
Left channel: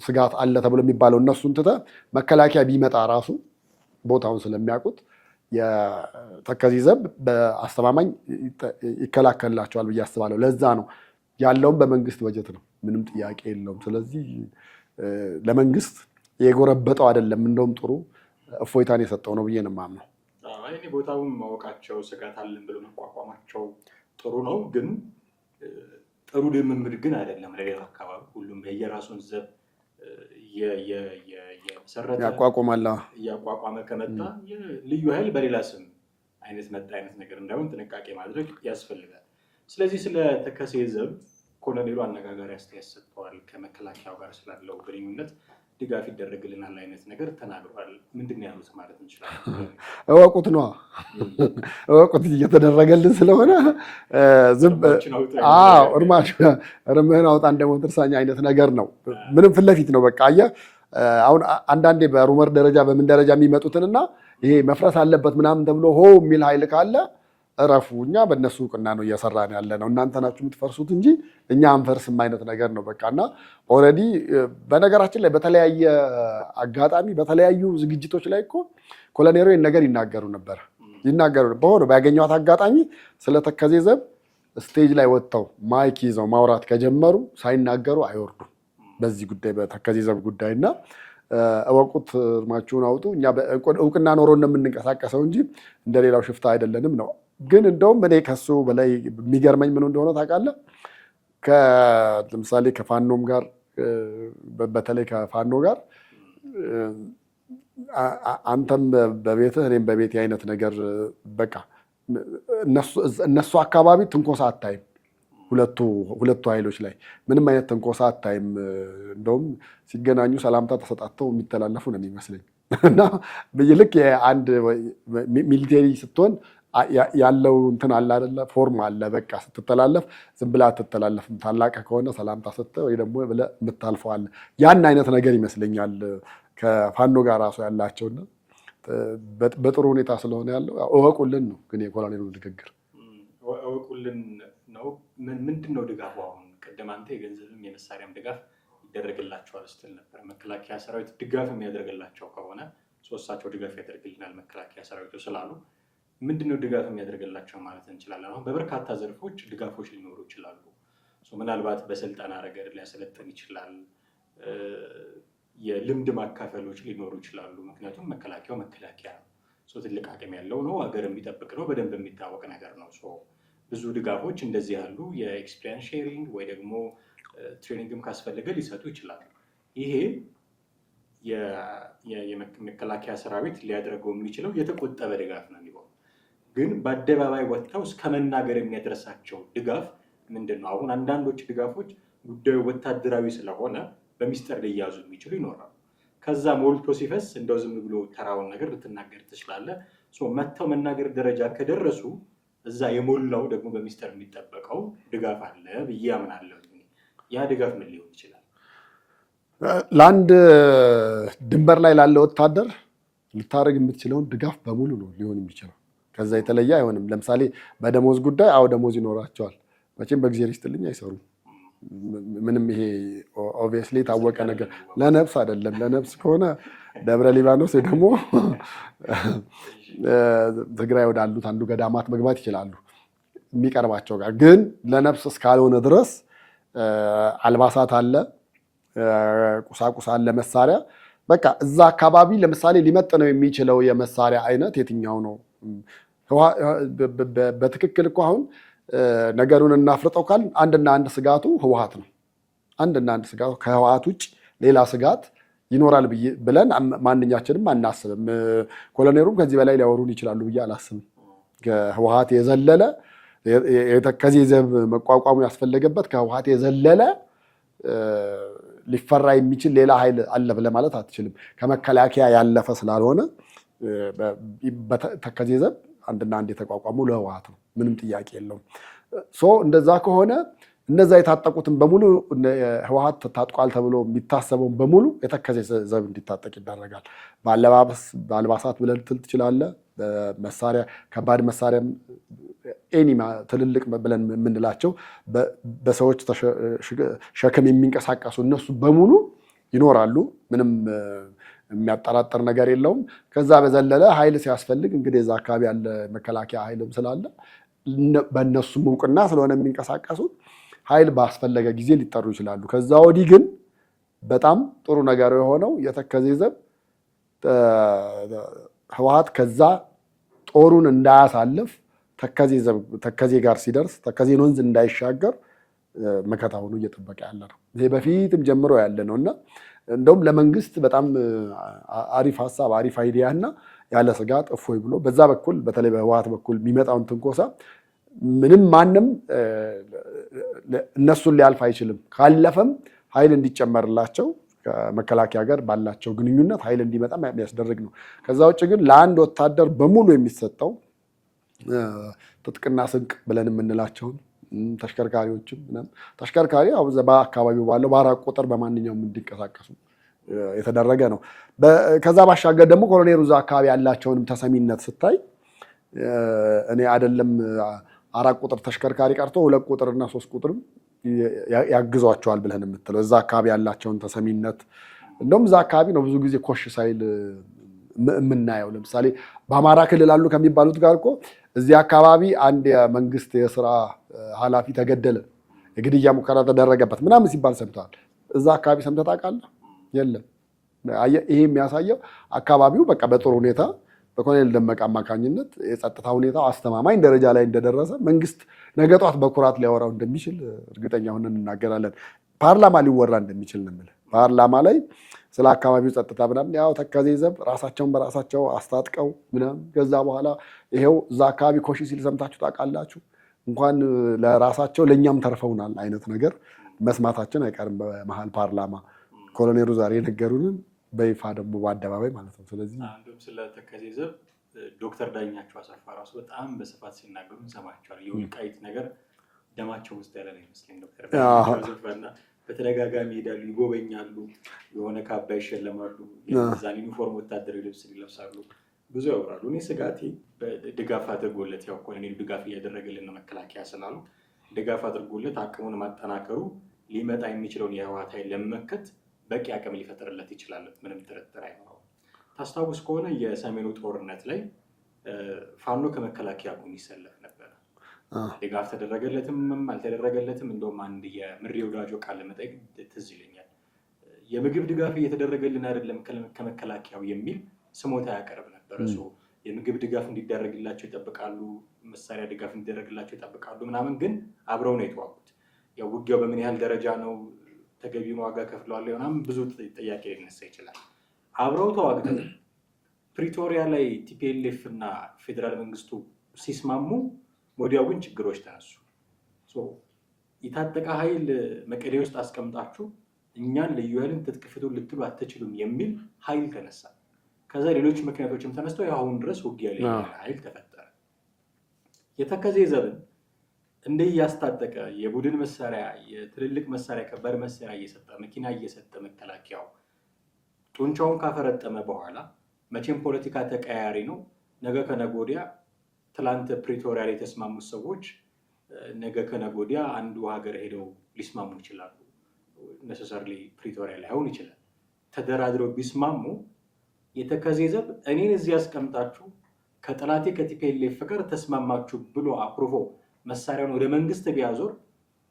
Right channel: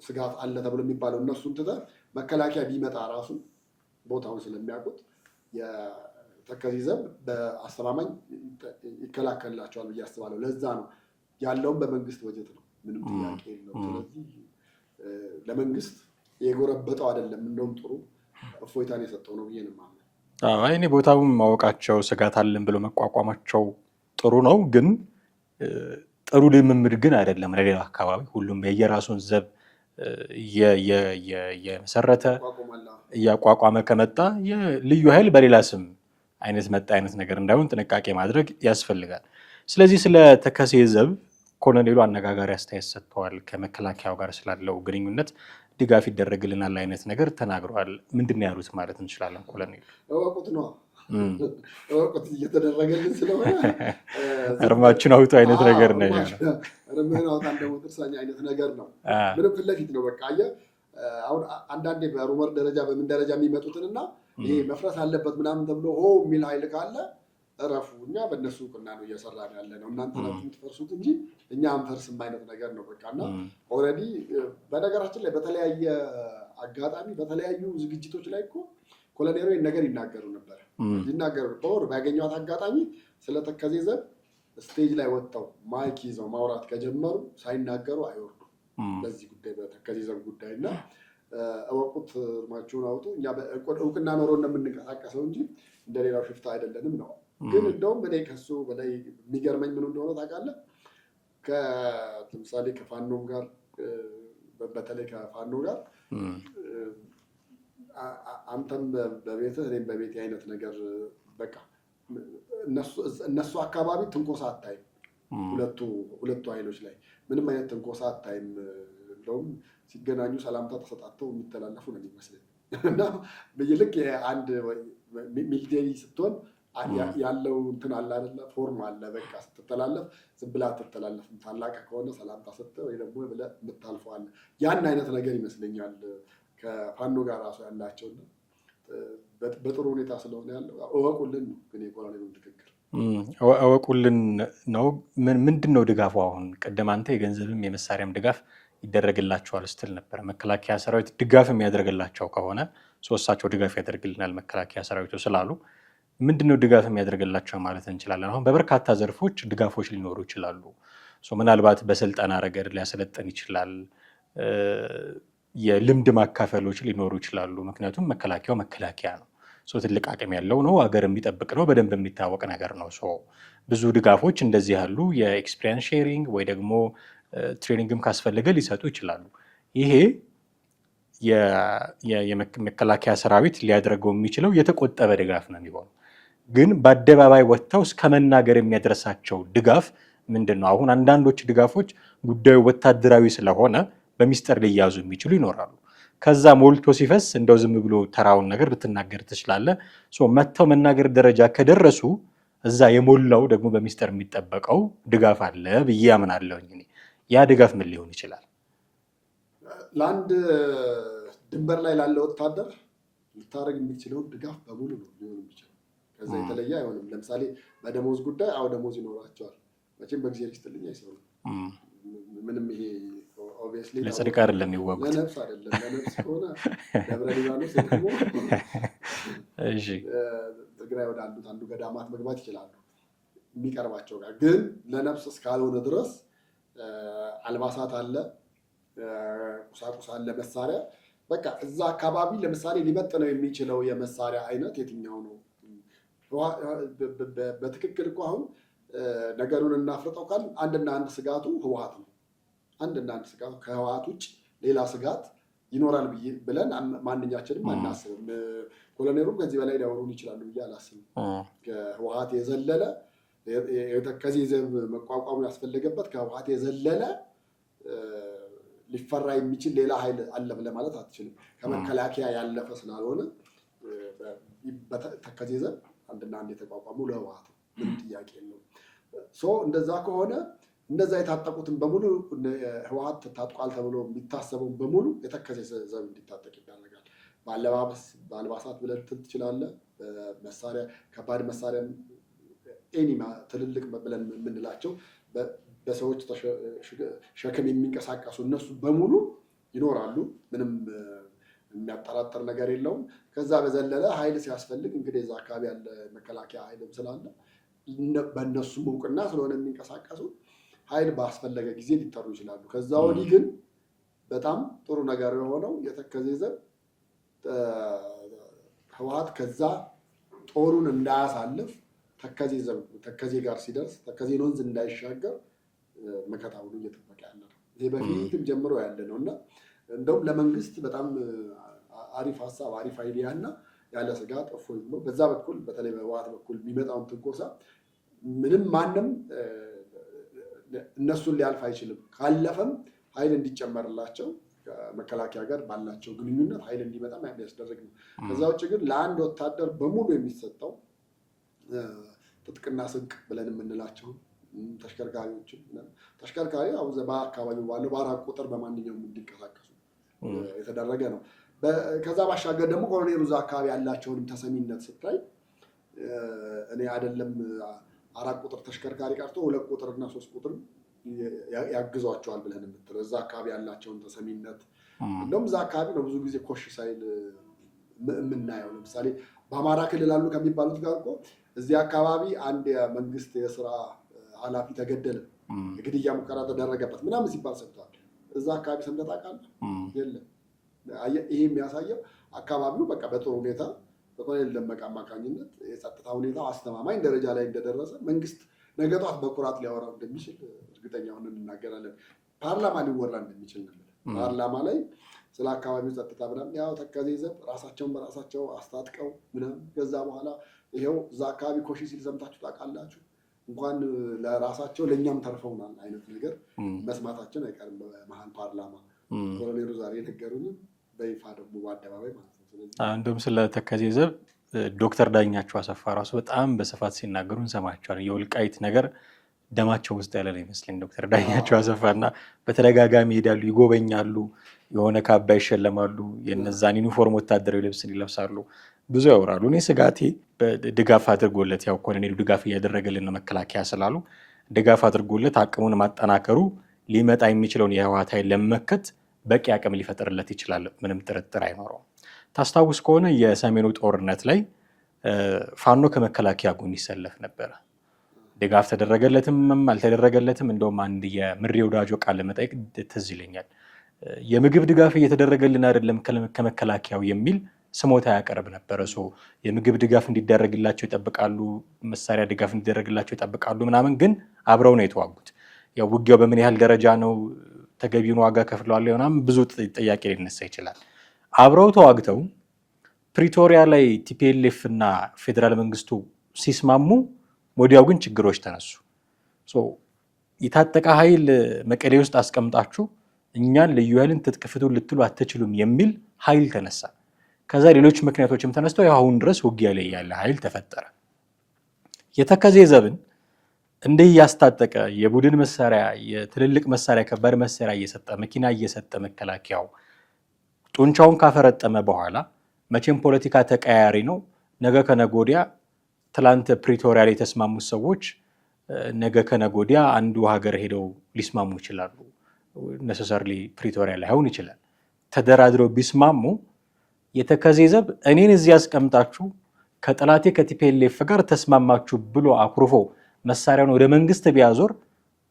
ስጋት አለ ተብሎ የሚባለው እነሱን ትተህ መከላከያ ቢመጣ ራሱ ቦታውን ስለሚያውቁት የተከዜ ዘብ በአስተማማኝ ይከላከልላቸዋል ብዬ አስባለሁ። ለዛ ነው ያለውም በመንግስት በጀት ነው፣ ምንም ጥያቄ የለውም። ስለዚህ ለመንግስት የጎረበጠው አይደለም፣ እንደውም ጥሩ እፎይታን የሰጠው ነው ብዬ ነው የማምነው። እኔ ቦታውን ማወቃቸው ስጋት አለን ብሎ መቋቋማቸው ጥሩ ነው፣ ግን ጥሩ ልምምድ ግን አይደለም። ለሌላ አካባቢ ሁሉም የየራሱን ዘብ የመሰረተ እያቋቋመ ከመጣ ልዩ ኃይል በሌላ ስም መጣ አይነት ነገር እንዳይሆን ጥንቃቄ ማድረግ ያስፈልጋል። ስለዚህ ስለ ተከዜ ዘብ ኮሎኔሉ አነጋጋሪ አስተያየት ሰጥተዋል። ከመከላከያው ጋር ስላለው ግንኙነት ድጋፍ ይደረግልናል አይነት ነገር ተናግረዋል። ምንድን ነው ያሉት ማለት እንችላለን? እወቁት ነዋ፣ እወቁት እየተደረገልን ስለሆነ እርማችን አውጡ አይነት ነገር ነው። እርምህን አውጣ እንደሞት እርሳኝ አይነት ነገር ነው። ምንም ፊት ለፊት ነው። በቃ አየህ አሁን አንዳንዴ በሩመር ደረጃ በምን ደረጃ የሚመጡትንና ይሄ መፍረስ አለበት ምናምን ተብሎ ሆ የሚል ኃይል ካለ እረፉ፣ እኛ በእነሱ እውቅና ነው እየሰራን ያለ ነው፣ እናንተ ናችሁ የምትፈርሱት እንጂ እኛ አንፈርስም አይነት ነገር ነው። በቃ እና ኦልሬዲ በነገራችን ላይ በተለያየ አጋጣሚ በተለያዩ ዝግጅቶች ላይ እኮ ኮሎኔሉ ነገር ይናገሩ ነበር። በሆነ ባገኘኋት አጋጣሚ ስለ ተከዜ ዘብ ስቴጅ ላይ ወጥተው ማይክ ይዘው ማውራት ከጀመሩ ሳይናገሩ አይወርዱም በዚህ ጉዳይ በተከዜ ዘብ ጉዳይ እና እወቁት፣ እርማችሁን አውጡ፣ እኛ እውቅና ኖሮ ነው የምንንቀሳቀሰው እንጂ እንደሌላው ሽፍታ አይደለንም ነው። ግን እንደውም እኔ ከሱ በላይ የሚገርመኝ ምን እንደሆነ ታውቃለህ? ለምሳሌ ከፋኖም ጋር በተለይ ከፋኖ ጋር አንተም በቤትህ እኔም በቤቴ አይነት ነገር በቃ እነሱ አካባቢ ትንኮሳ አታይም። ሁለቱ ኃይሎች ላይ ምንም አይነት ትንኮሳ አታይም። እንደውም ሲገናኙ ሰላምታ ተሰጣተው የሚተላለፉ ነው የሚመስለኝ እና ልክ አንድ ሚሊቴሪ ስትሆን ያለው እንትን አለ አይደለ? ፎርም አለ። በቃ ስትተላለፍ ዝም ብለህ አትተላለፍም። ታላቅ ከሆነ ሰላምታ ስትል ወይ ደግሞ ብለህ የምታልፈው አለ። ያን አይነት ነገር ይመስለኛል ከፋኖ ጋር ራሱ ያላቸውና በጥሩ ሁኔታ ስለሆነ ያለው እወቁልን ነው። ግን የኮሎኔሉ ንግግር እወቁልን ነው። ምንድን ነው ድጋፉ? አሁን ቅድም አንተ የገንዘብም የመሳሪያም ድጋፍ ይደረግላቸዋል ስትል ነበረ። መከላከያ ሰራዊት ድጋፍ የሚያደርግላቸው ከሆነ እሳቸው ድጋፍ ያደርግልናል መከላከያ ሰራዊቱ ስላሉ ምንድነው ድጋፍ የሚያደርግላቸው ማለት እንችላለን? አሁን በበርካታ ዘርፎች ድጋፎች ሊኖሩ ይችላሉ። ምናልባት በስልጠና ረገድ ሊያሰለጥን ይችላል። የልምድ ማካፈሎች ሊኖሩ ይችላሉ። ምክንያቱም መከላከያው መከላከያ ነው። ትልቅ አቅም ያለው ነው። ሀገር የሚጠብቅ ነው። በደንብ የሚታወቅ ነገር ነው። ብዙ ድጋፎች እንደዚህ ያሉ የኤክስፒሪየንስ ሼሪንግ ወይ ደግሞ ትሬኒንግም ካስፈለገ ሊሰጡ ይችላሉ። ይሄ የመከላከያ ሰራዊት ሊያደርገው የሚችለው የተቆጠበ ድጋፍ ነው የሚሆነው። ግን በአደባባይ ወጥተው እስከ መናገር የሚያደርሳቸው ድጋፍ ምንድን ነው? አሁን አንዳንዶች ድጋፎች ጉዳዩ ወታደራዊ ስለሆነ በሚስጥር ሊያዙ የሚችሉ ይኖራሉ። ከዛ ሞልቶ ሲፈስ እንደው ዝም ብሎ ተራውን ነገር ልትናገር ትችላለህ። መጥተው መናገር ደረጃ ከደረሱ እዛ የሞላው ደግሞ በሚስጥር የሚጠበቀው ድጋፍ አለ ብዬ አምናለሁ። ያ ድጋፍ ምን ሊሆን ይችላል? ለአንድ ድንበር ላይ ላለ ወታደር ልታደርግ የምትችለውን ድጋፍ በሙሉ ነው ሊሆን የሚችለው። ከዛ የተለየ አይሆንም። ለምሳሌ በደሞዝ ጉዳይ ደሞዝ ይኖራቸዋል። መቼም በጊዜ ይስጥልኝ አይሰሩም። ምንም ይሄ ኦብቪየስሊ ታወቀ ለነፍስ አይደለም። ለነፍስ ከሆነ ደብረ ሊባኖስ ደግሞ ትግራይ ወዳሉት አንዱ ገዳማት መግባት ይችላሉ የሚቀርባቸው ጋር። ግን ለነፍስ እስካልሆነ ድረስ አልባሳት አለ፣ ቁሳቁስ አለ፣ መሳሪያ በቃ እዛ አካባቢ ለምሳሌ ሊመጥነው የሚችለው የመሳሪያ አይነት የትኛው ነው? በትክክል እኮ አሁን ነገሩን እናፍርጠው ካል አንድና አንድ ስጋቱ ህወሓት ነው። አንድና አንድ ስጋቱ ከህወሓት ውጭ ሌላ ስጋት ይኖራል ብለን ማንኛችንም አናስብም። ኮሎኔሉም ከዚህ በላይ ሊያወሩን ይችላሉ ብዬ አላስብም። ከህወሓት የዘለለ ከዚህ ዘብ መቋቋሙ ያስፈለገበት ከህወሓት የዘለለ ሊፈራ የሚችል ሌላ ኃይል አለ ብለህ ማለት አትችልም። ከመከላከያ ያለፈ ስላልሆነ ከዚህ ዘብ አንድና አንድ የተቋቋሙ ለህወሓት ነው። ምንም ጥያቄ የለውም። እንደዛ ከሆነ እነዛ የታጠቁትን በሙሉ ህወሓት ታጥቋል ተብሎ የሚታሰበውን በሙሉ የተከዜ ዘብ እንዲታጠቅ ይደረጋል። በአልባሳት ብለን ትል ትችላለህ። መሳሪያ፣ ከባድ መሳሪያ ኤኒማ ትልልቅ ብለን የምንላቸው በሰዎች ሸክም የሚንቀሳቀሱ እነሱ በሙሉ ይኖራሉ። ምንም የሚያጠራጥር ነገር የለውም። ከዛ በዘለለ ኃይል ሲያስፈልግ እንግዲህ እዛ አካባቢ ያለ መከላከያ ኃይልም ስላለ በእነሱም እውቅና ስለሆነ የሚንቀሳቀሱት ኃይል ባስፈለገ ጊዜ ሊጠሩ ይችላሉ። ከዛ ወዲህ ግን በጣም ጥሩ ነገር የሆነው የተከዜ ዘብ ህወሓት ከዛ ጦሩን እንዳያሳልፍ ተከዜ ጋር ሲደርስ ተከዜን ወንዝ እንዳይሻገር መከታ ሆኖ እየጠበቀ ያለ ነው። ይሄ በፊትም ጀምሮ ያለ ነው እና እንደውም ለመንግስት በጣም አሪፍ ሀሳብ፣ አሪፍ አይዲያ እና ያለ ስጋት እፎይ ብሎ በዛ በኩል በተለይ በህወሓት በኩል የሚመጣውን ትንኮሳ ምንም ማንም እነሱን ሊያልፍ አይችልም። ካለፈም ኃይል እንዲጨመርላቸው ከመከላከያ ጋር ባላቸው ግንኙነት ኃይል እንዲመጣ የሚያስደርግ ነው። ከዛ ውጭ ግን ለአንድ ወታደር በሙሉ የሚሰጠው ትጥቅና ስንቅ ብለን የምንላቸውን ተሽከርካሪዎችም ተሽከርካሪ በአካባቢው ባለው በአራት ቁጥር በማንኛውም እንዲንቀሳቀሱ የተደረገ ነው። ከዛ ባሻገር ደግሞ ኮሎኔሉ እዛ አካባቢ ያላቸውንም ተሰሚነት ስታይ እኔ አይደለም 4 ቁጥር ተሽከርካሪ ቀርቶ 2 ቁጥርና 3 ቁጥርም ያግዟቸዋል ብለን የምትለው እዛ አካባቢ ያላቸውን ተሰሚነት እንደውም እዛ አካባቢ ነው ብዙ ጊዜ ኮሽ ሳይል የምናየው። ለምሳሌ በአማራ ክልል አሉ ከሚባሉት ጋር እኮ እዚህ አካባቢ አንድ የመንግስት የስራ ኃላፊ ተገደለ፣ የግድያ ሙከራ ተደረገበት ምናምን ሲባል ሰምተዋል። እዛ አካባቢ ሰምተህ ታውቃለህ? የለም። ይሄ የሚያሳየው አካባቢው በቃ በጥሩ ሁኔታ በኮሎኔል ደመቀ አማካኝነት የጸጥታ ሁኔታው አስተማማኝ ደረጃ ላይ እንደደረሰ መንግስት ነገ ጧት በኩራት ሊያወራው እንደሚችል እርግጠኛ ሆነን እናገራለን። ፓርላማ ሊወራ እንደሚችል ነው የምልህ። ፓርላማ ላይ ስለ አካባቢው ጸጥታ ምናምን ያው ተከዜ ዘብ ራሳቸውን በራሳቸው አስታጥቀው ምናምን ከዛ በኋላ ይሄው እዛ አካባቢ ኮሺ ሲል ሰምታችሁ ታውቃላችሁ። እንኳን ለራሳቸው ለእኛም ተርፈውናል አይነት ነገር መስማታችን አይቀርም በመሀል ፓርላማ ኮሎኔሉ ዛሬ የነገሩንን በይፋ ደግሞ በአደባባይ ማለት ነው። ስለዚህ እንደውም ስለ ተከዜ ዘብ ዶክተር ዳኛቸው አሰፋ ራሱ በጣም በስፋት ሲናገሩ እንሰማቸዋለን። የወልቃይት ነገር ደማቸው ውስጥ ያለ ነው ይመስለኝ ዶክተር ዳኛቸው አሰፋ እና በተደጋጋሚ ይሄዳሉ፣ ይጎበኛሉ፣ የሆነ ካባ ይሸለማሉ፣ የነዛን ዩኒፎርም ወታደራዊ ልብስን ይለብሳሉ፣ ብዙ ያወራሉ። እኔ ስጋቴ ድጋፍ አድርጎለት ያው ኮሎኔሉ ድጋፍ እያደረገልን መከላከያ ስላሉ ድጋፍ አድርጎለት አቅሙን ማጠናከሩ ሊመጣ የሚችለውን የህወሓት ኃይል ለመመከት በቂ አቅም ሊፈጥርለት ይችላል። ምንም ጥርጥር አይኖረውም። ታስታውስ ከሆነ የሰሜኑ ጦርነት ላይ ፋኖ ከመከላከያ ጎን ይሰለፍ ነበረ። ድጋፍ ተደረገለትም አልተደረገለትም እንደውም አንድ የምሬ ወዳጆ ቃለ መጠይቅ ትዝ ይለኛል። የምግብ ድጋፍ እየተደረገልን አይደለም ከመከላከያው የሚል ስሞታ ያቀርብ ነበር። እሱ የምግብ ድጋፍ እንዲደረግላቸው ይጠብቃሉ፣ መሳሪያ ድጋፍ እንዲደረግላቸው ይጠብቃሉ ምናምን፣ ግን አብረው ነው የተዋጉት። ያው ውጊያው በምን ያህል ደረጃ ነው ተገቢውን ዋጋ ከፍለዋል ምናምን ብዙ ጥያቄ ሊነሳ ይችላል። አብረው ተዋግተው ፕሪቶሪያ ላይ ቲፒኤልኤፍ እና ፌዴራል መንግስቱ ሲስማሙ ወዲያው ግን ችግሮች ተነሱ። የታጠቀ ኃይል መቀሌ ውስጥ አስቀምጣችሁ እኛን ልዩ ኃይልን ትጥቅ ፍቱ ልትሉ አትችሉም የሚል ኃይል ተነሳ። ከዛ ሌሎች ምክንያቶችም ተነስተው አሁን ድረስ ውጊያ ላይ ያለ ኃይል ተፈጠረ። የተከዜ ዘብን እንዲህ እያስታጠቀ የቡድን መሳሪያ፣ የትልልቅ መሳሪያ፣ ከባድ መሳሪያ እየሰጠ መኪና እየሰጠ መከላከያው ጡንቻውን ካፈረጠመ በኋላ መቼም ፖለቲካ ተቀያሪ ነው። ነገ ከነገ ወዲያ ትላንት ፕሪቶሪያ ላይ የተስማሙት ሰዎች ነገ ከነገ ወዲያ አንዱ ሀገር ሄደው ሊስማሙ ይችላሉ። ነሰሰርሊ ፕሪቶሪያ ላይ አይሆን ይችላል። ተደራድረው ቢስማሙ የተከዜ ዘብ እኔን እዚህ ያስቀምጣችሁ ከጠላቴ ከቲፒኤልኤፍ ጋር ተስማማችሁ ብሎ አኩርፎ መሳሪያውን ወደ መንግስት ቢያዞር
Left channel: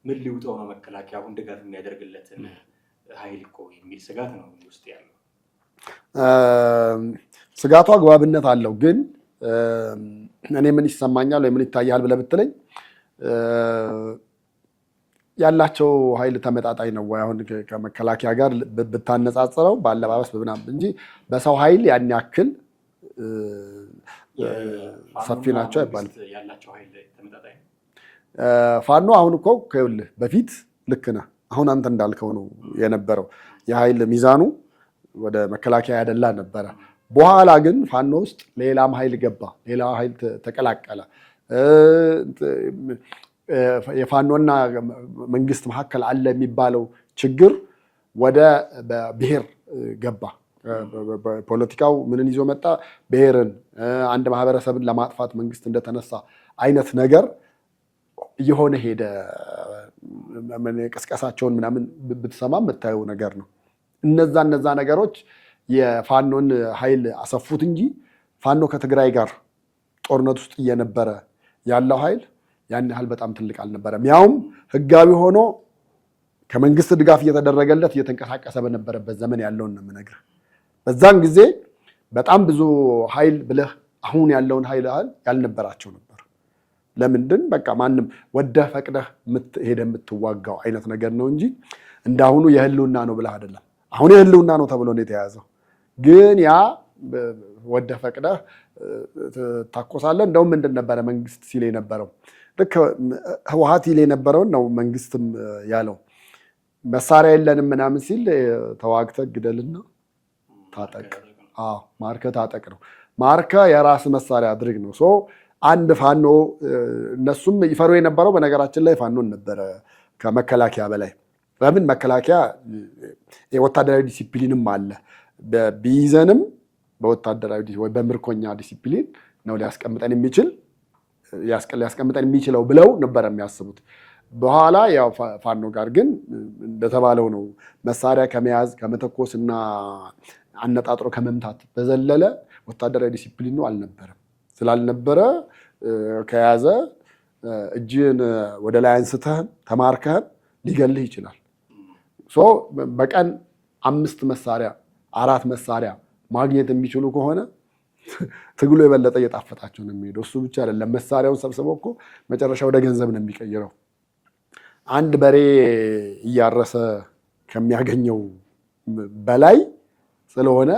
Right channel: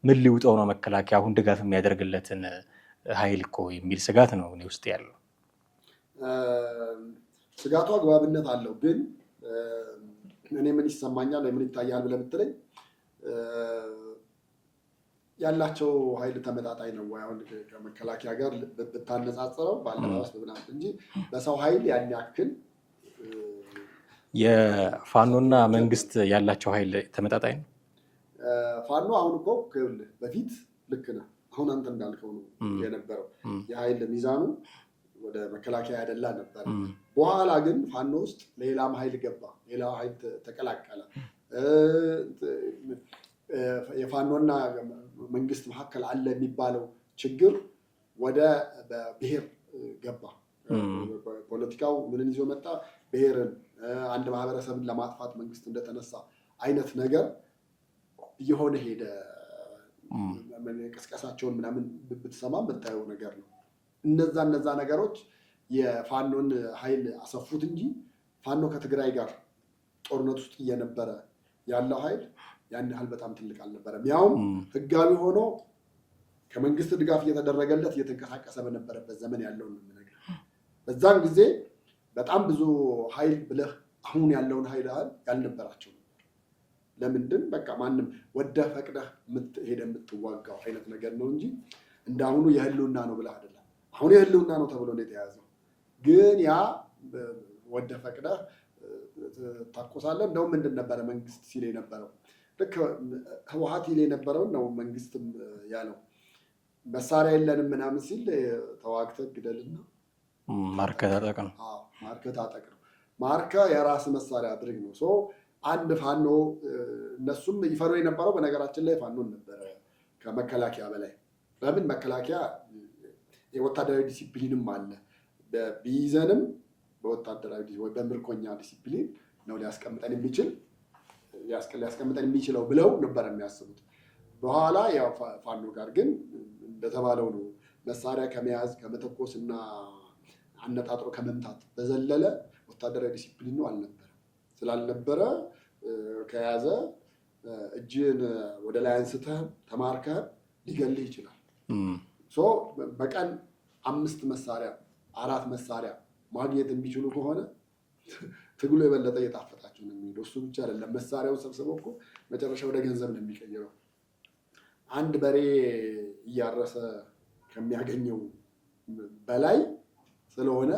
ምን ሊውጠው ነው መከላከያ አሁን ድጋፍ የሚያደርግለትን ኃይል እኮ የሚል ስጋት ነው እኔ ውስጥ ያለው። ስጋቱ አግባብነት አለው። ግን እኔ ምን ይሰማኛል ወይ ምን ይታያል ብለህ ብትለኝ ያላቸው ኃይል ተመጣጣኝ ነው ወይ? አሁን ከመከላከያ ጋር ብታነጻጽረው በአለባበስ በምናምን እንጂ በሰው ኃይል ያን ያክል የፋኖና መንግስት ያላቸው ኃይል ተመጣጣኝ ነው። ፋኖ አሁን እኮ ከይኸውልህ በፊት ልክ ነህ። አሁን አንተ እንዳልከው ነው የነበረው የኃይል ሚዛኑ ወደ መከላከያ ያደላ ነበረ። በኋላ ግን ፋኖ ውስጥ ሌላም ኃይል ገባ፣ ሌላ ኃይል ተቀላቀለ። የፋኖና መንግስት መካከል አለ የሚባለው ችግር ወደ ብሔር ገባ። ፖለቲካው ምንን ይዞ መጣ? ብሔርን፣ አንድ ማህበረሰብን ለማጥፋት መንግስት እንደተነሳ አይነት ነገር እየሆነ ሄደ። ቅስቀሳቸውን ምናምን ብትሰማ የምታየው ነገር ነው። እነዛ ነገሮች የፋኖን ኃይል አሰፉት እንጂ ፋኖ ከትግራይ ጋር ጦርነት ውስጥ እየነበረ ያለው ኃይል ያን ያህል በጣም ትልቅ አልነበረም። ያውም ህጋዊ ሆኖ ከመንግስት ድጋፍ እየተደረገለት እየተንቀሳቀሰ በነበረበት ዘመን ያለውን ነው የምነግርህ። በዛን ጊዜ በጣም ብዙ ኃይል ብለህ አሁን ያለውን ኃይል ያልነበራቸው ነበር። ለምንድን በቃ ማንም ወደህ ፈቅደህ ሄደህ የምትዋጋው አይነት ነገር ነው እንጂ እንዳሁኑ የህልውና ነው ብለህ አይደለም። አሁን የህልውና ነው ተብሎ ነው የተያዘው። ግን ያ ወደህ ፈቅደህ ታኮሳለህ። እንደውም ምንድን ነበረ መንግስት ሲል የነበረው? ልክ ህወሓት ይል የነበረውን ነው መንግስትም ያለው። መሳሪያ የለንም ምናምን ሲል ተዋግተህ ግደልና ማርከህ ታጠቅ ነው። ማርከህ የራስ መሳሪያ አድርግ ነው። አንድ ፋኖ እነሱም ይፈሩ የነበረው በነገራችን ላይ ፋኖን ነበረ ከመከላከያ በላይ። ለምን መከላከያ የወታደራዊ ዲሲፕሊንም አለ። ቢይዘንም በወታደራዊ ወይ በምርኮኛ ዲሲፕሊን ነው ሊያስቀምጠን የሚችለው ብለው ነበረ የሚያስቡት። በኋላ ያው ፋኖ ጋር ግን እንደተባለው ነው መሳሪያ ከመያዝ ከመተኮስና አነጣጥሮ ከመምታት በዘለለ ወታደራዊ ዲሲፕሊን ነው አልነበረም። ስላልነበረ ከያዘ እጅን ወደ ላይ አንስተህም ተማርከህም ሊገልህ ይችላል። በቀን 5 መሳሪያ 4 መሳሪያ ማግኘት የሚችሉ ከሆነ ትግሉ የበለጠ እየጣፈጣቸው ነው የሚሄደው። እሱ ብቻ አይደለም፣ መሳሪያውን ሰብስበው እኮ መጨረሻ ወደ ገንዘብ ነው የሚቀይረው። አንድ በሬ እያረሰ ከሚያገኘው በላይ ስለሆነ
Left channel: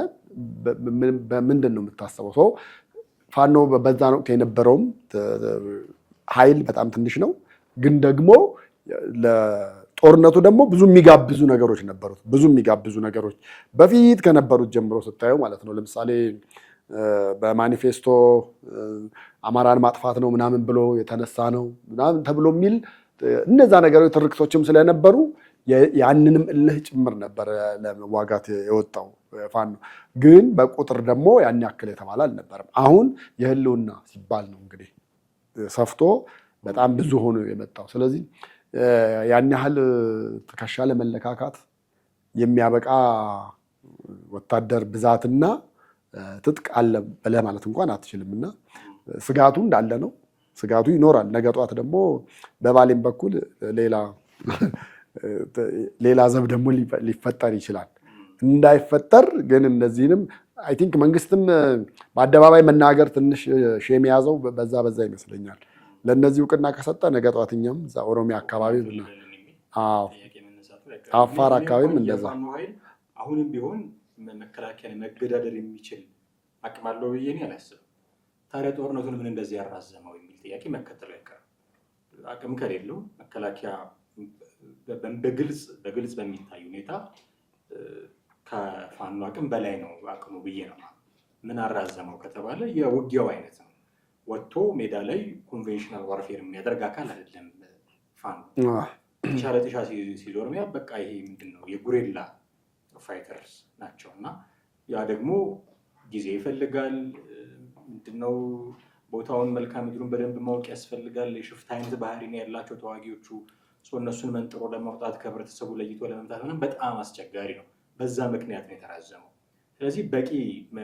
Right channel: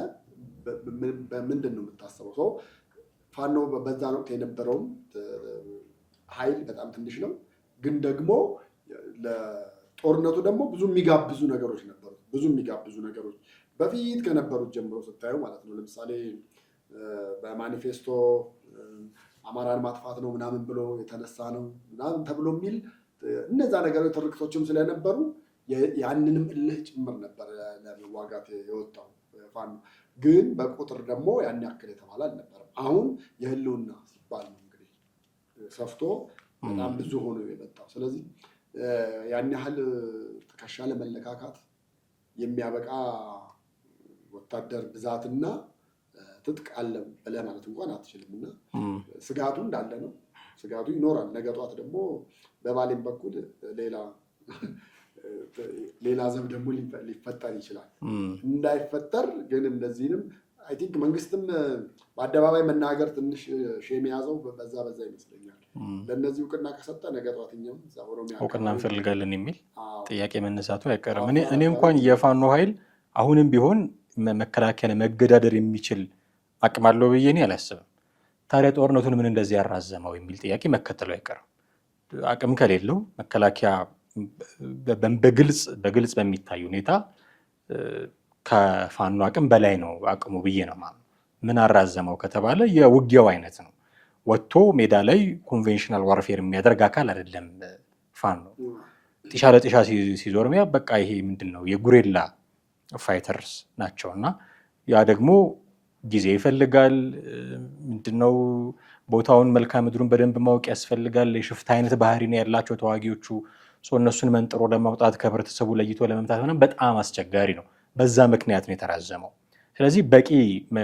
በምንድን ነው የምታስበው? ሰው ፋኖ በዛን ወቅት የነበረውም ኃይል በጣም ትንሽ ነው። ግን ደግሞ ለጦርነቱ ደግሞ ብዙ የሚጋብዙ ነገሮች ነበሩት። ብዙ የሚጋብዙ ነገሮች በፊት ከነበሩት ጀምሮ ስታየው ማለት ነው። ለምሳሌ በማኒፌስቶ አማራን ማጥፋት ነው ምናምን ብሎ የተነሳ ነው ምናምን ተብሎ የሚል እነዛ ነገሮች ትርክቶችም ስለነበሩ ያንንም እልህ ጭምር ነበር ለመዋጋት የወጣው ፋኖ። ግን በቁጥር ደግሞ ያን ያክል የተባለ አልነበረም። አሁን የህልውና ሲባል ነው እንግዲህ ሰፍቶ በጣም ብዙ ሆኖ የመጣው። ስለዚህ ያን ያህል ትከሻ ለመለካካት የሚያበቃ ወታደር ብዛትና ትጥቅ አለ ብለህ ማለት እንኳን አትችልም። እና ስጋቱ እንዳለ ነው። ስጋቱ ይኖራል። ነገ ጧት ደግሞ በባሌም በኩል ሌላ ዘብ ደግሞ ሊፈጠር ይችላል። እንዳይፈጠር ግን እነዚህንም አይ ቲንክ መንግስትም በአደባባይ መናገር ትንሽ ሼም የያዘው በዛ ይመስለኛል። ለእነዚህ እውቅና ከሰጠ ነገ ጧት እኛም እዛ ኦሮሚያ አካባቢ እንፈልጋለን የሚል ጥያቄ መነሳቱ አይቀርም። እኔ እንኳን የፋኖ ኃይል አሁንም ቢሆን መከላከያን መገዳደር የሚችል አቅም አለው ብዬ እኔ አላስብም። ታዲያ ጦርነቱን ምን እንደዚህ ያራዘመው የሚል ጥያቄ መከተሉ አይቀርም። አቅም ከሌለው መከላከያ በግልጽ በሚታይ ሁኔታ ከፋኖ አቅም በላይ ነው አቅሙ ብዬ ነው ማለት። ምን አራዘመው ከተባለ የውጊያው አይነት ነው። ወጥቶ ሜዳ ላይ ኮንቬንሽናል ዋርፌር የሚያደርግ አካል አይደለም ፋኖ። ጢሻ ለጢሻ ሲዞር በቃ ይሄ ምንድን ነው የጉሬላ ፋይተርስ ናቸው። እና ያ ደግሞ ጊዜ ይፈልጋል። ምንድነው ቦታውን መልክዓ ምድሩን በደንብ ማወቅ ያስፈልጋል። የሽፍታ አይነት ባህሪ ነው ያላቸው ተዋጊዎቹ። እነሱን መንጥሮ ለማውጣት ከህብረተሰቡ ለይቶ ለመምታት ምናምን በጣም አስቸጋሪ ነው። በዛ ምክንያት ነው የተራዘመው። ስለዚህ በቂ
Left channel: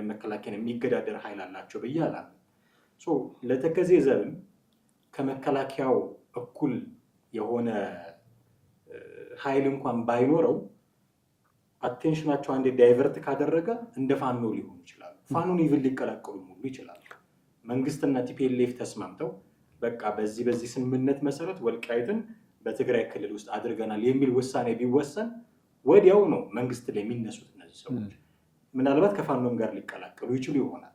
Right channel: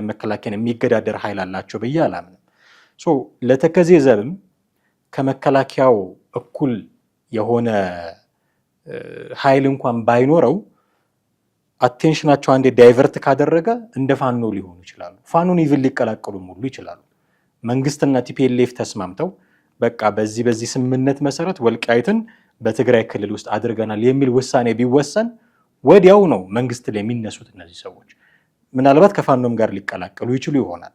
መከላከያን የሚገዳደር ኃይል አላቸው ብዬ አላምንም። ለተከዜ ዘብም ከመከላከያው እኩል የሆነ ኃይል እንኳን ባይኖረው አቴንሽናቸው አንዴ ዳይቨርት ካደረገ እንደ ፋኖ ሊሆኑ ይችላሉ። ፋኖን ኢቭን ሊቀላቀሉም ሁሉ ይችላሉ። መንግስትና ቲፒኤልኤፍ ተስማምተው በቃ በዚህ ስምምነት መሰረት ወልቃይትን በትግራይ ክልል ውስጥ አድርገናል የሚል ውሳኔ ቢወሰን ወዲያው ነው መንግስት ላይ የሚነሱት እነዚህ ሰዎች። ምናልባት ከፋኖም ጋር ሊቀላቀሉ ይችሉ ይሆናል።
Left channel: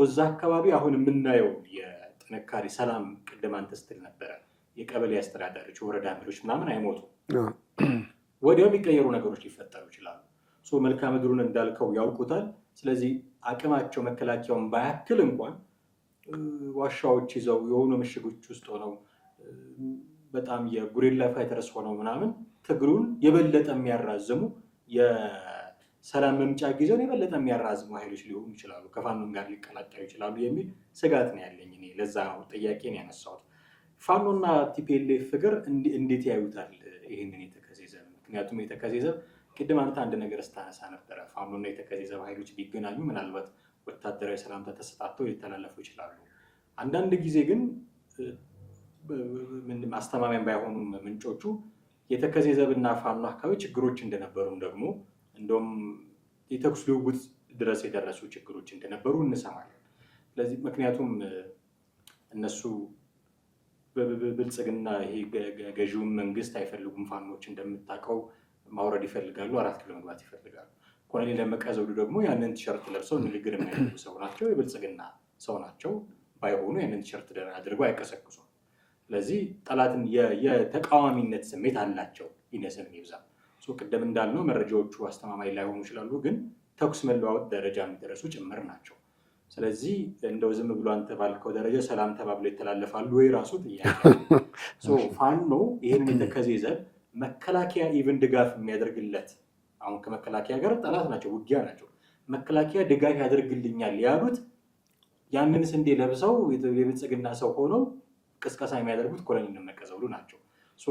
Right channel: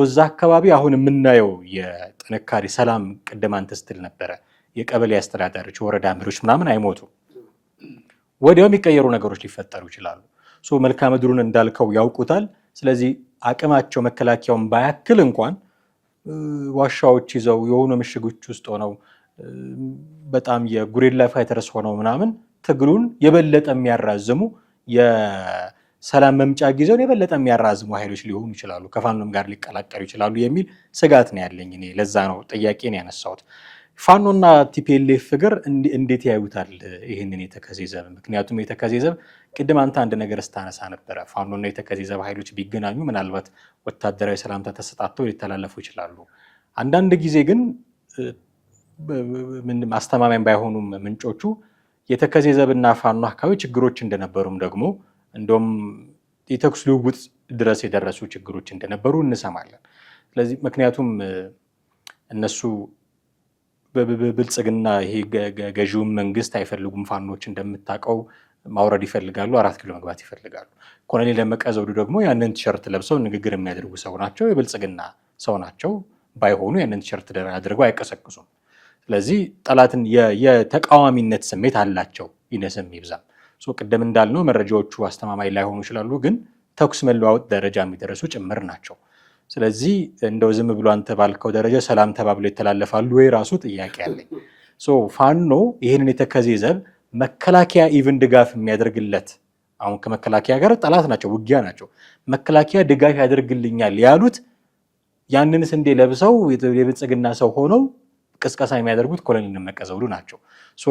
እዛ አካባቢ አሁን የምናየው የጥንካሬ ሰላም፣ ቅድም አንተ ስትል ነበረ የቀበሌ አስተዳዳሪዎች፣ ወረዳ መሪዎች ምናምን አይሞቱም። ወዲያው የሚቀየሩ ነገሮች ሊፈጠሩ ይችላሉ። መልክዓ ምድሩን እንዳልከው ያውቁታል። ስለዚህ አቅማቸው መከላከያውን ባያክል እንኳን ዋሻዎች ይዘው የሆኑ ምሽጎች ውስጥ ሆነው በጣም የጉሪላ ፋይተርስ ሆነው ምናምን ትግሉን የበለጠ የሚያራዝሙ የሰላም መምጫ ጊዜውን የበለጠ የሚያራዝሙ ኃይሎች ሊሆኑ ይችላሉ። ከፋኖም ጋር ሊቀላቀሉ ይችላሉ የሚል ስጋት ነው ያለኝ እኔ። ለዛ ነው ጥያቄን ያነሳሁት። ፋኖና ቲፒኤልኤፍ ፍቅር እንዴት ያዩታል ይህንን የተከዜ ዘብ? ምክንያቱም የተከዜ ዘብ ቅድም አንተ አንድ ነገር ስታነሳ ነበረ። ፋኖና የተከዜ ዘብ ኃይሎች ቢገናኙ ምናልባት ወታደራዊ ሰላምታ ተሰጣጥተው ሊተላለፉ ይችላሉ። አንዳንድ ጊዜ ግን አስተማማኝ ባይሆኑም ምንጮቹ የተከዜ ዘብና ፋኖ አካባቢ ችግሮች እንደነበሩም ደግሞ እንደውም የተኩስ ልውውጥ ድረስ የደረሱ ችግሮች እንደነበሩ እንሰማለን። ስለዚህ ምክንያቱም እነሱ በብልጽግና ይሄ ገዢውን መንግስት አይፈልጉም። ፋኖች እንደምታውቀው ማውረድ ይፈልጋሉ፣ 4 ኪሎ መግባት ይፈልጋሉ። ኮሎኔል ደመቀ ዘውዱ ደግሞ ያንን ቲሸርት ለብሰው ንግግር የሚያደርጉ ሰው ናቸው፣ የብልጽግና ሰው ናቸው። ባይሆኑ ያንን ቲሸርት አድርገው አይቀሰቅሱም። ስለዚህ ጠላትን የተቃዋሚነት ስሜት አላቸው፣ ይነስም ይብዛም። ቅድም እንዳልነው መረጃዎቹ አስተማማኝ ላይሆኑ ይችላሉ፣ ግን ተኩስ መለዋወጥ ደረጃ የሚደረሱ ጭምር ናቸው። ስለዚህ እንደው ዝም ብሎ አንተ ባልከው ደረጃ ሰላም ተባብሎ ይተላለፋሉ ወይ ራሱ ጥያቄ አለኝ። ፋኖ ይህንን የተከዜ ዘብ መከላከያ ኢቭን ድጋፍ የሚያደርግለት አሁን ከመከላከያ ጋር ጠላት ናቸው፣ ውጊያ ናቸው። መከላከያ ድጋፍ ያደርግልኛል ያሉት ያንን ስንዴ ለብሰው የብልጽግና ሰው ሆነው ቅስቀሳ የሚያደርጉት ኮሎኔል ደመቀ ዘውዱ ናቸው።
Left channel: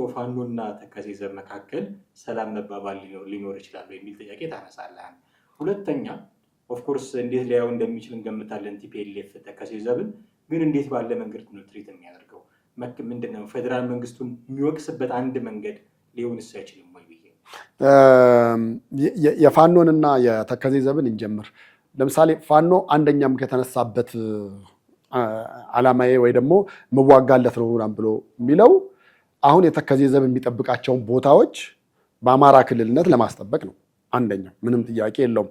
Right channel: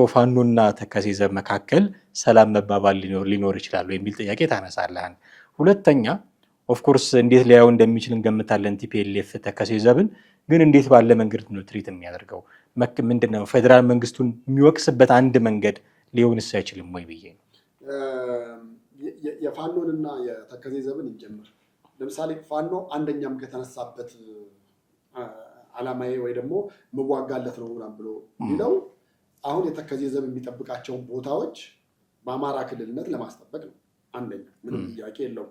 ፋኖና ተከዜ ዘብ መካከል ሰላም መባባል ሊኖር ይችላሉ የሚል ጥያቄ ታነሳለህ። ሁለተኛ ኦፍኮርስ እንዴት ሊያየው እንደሚችል እንገምታለን። ቲፒኤልኤፍ ተከዜ ዘብን ግን እንዴት ባለ መንገድ ነው ትሪት የሚያደርገው? ምንድነው ፌዴራል መንግስቱን የሚወቅስበት አንድ መንገድ ሊሆንስ አይችልም ወይ ብዬ ነው። የፋኖንና የተከዜ ዘብን እንጀምር። ለምሳሌ ፋኖ አንደኛም ከተነሳበት ዓላማዬ ወይ ደግሞ መዋጋለት ነው ብሎ የሚለው አሁን የተከዜ ዘብ የሚጠብቃቸውን ቦታዎች በአማራ ክልልነት ለማስጠበቅ ነው። አንደኛው ምንም ጥያቄ የለውም።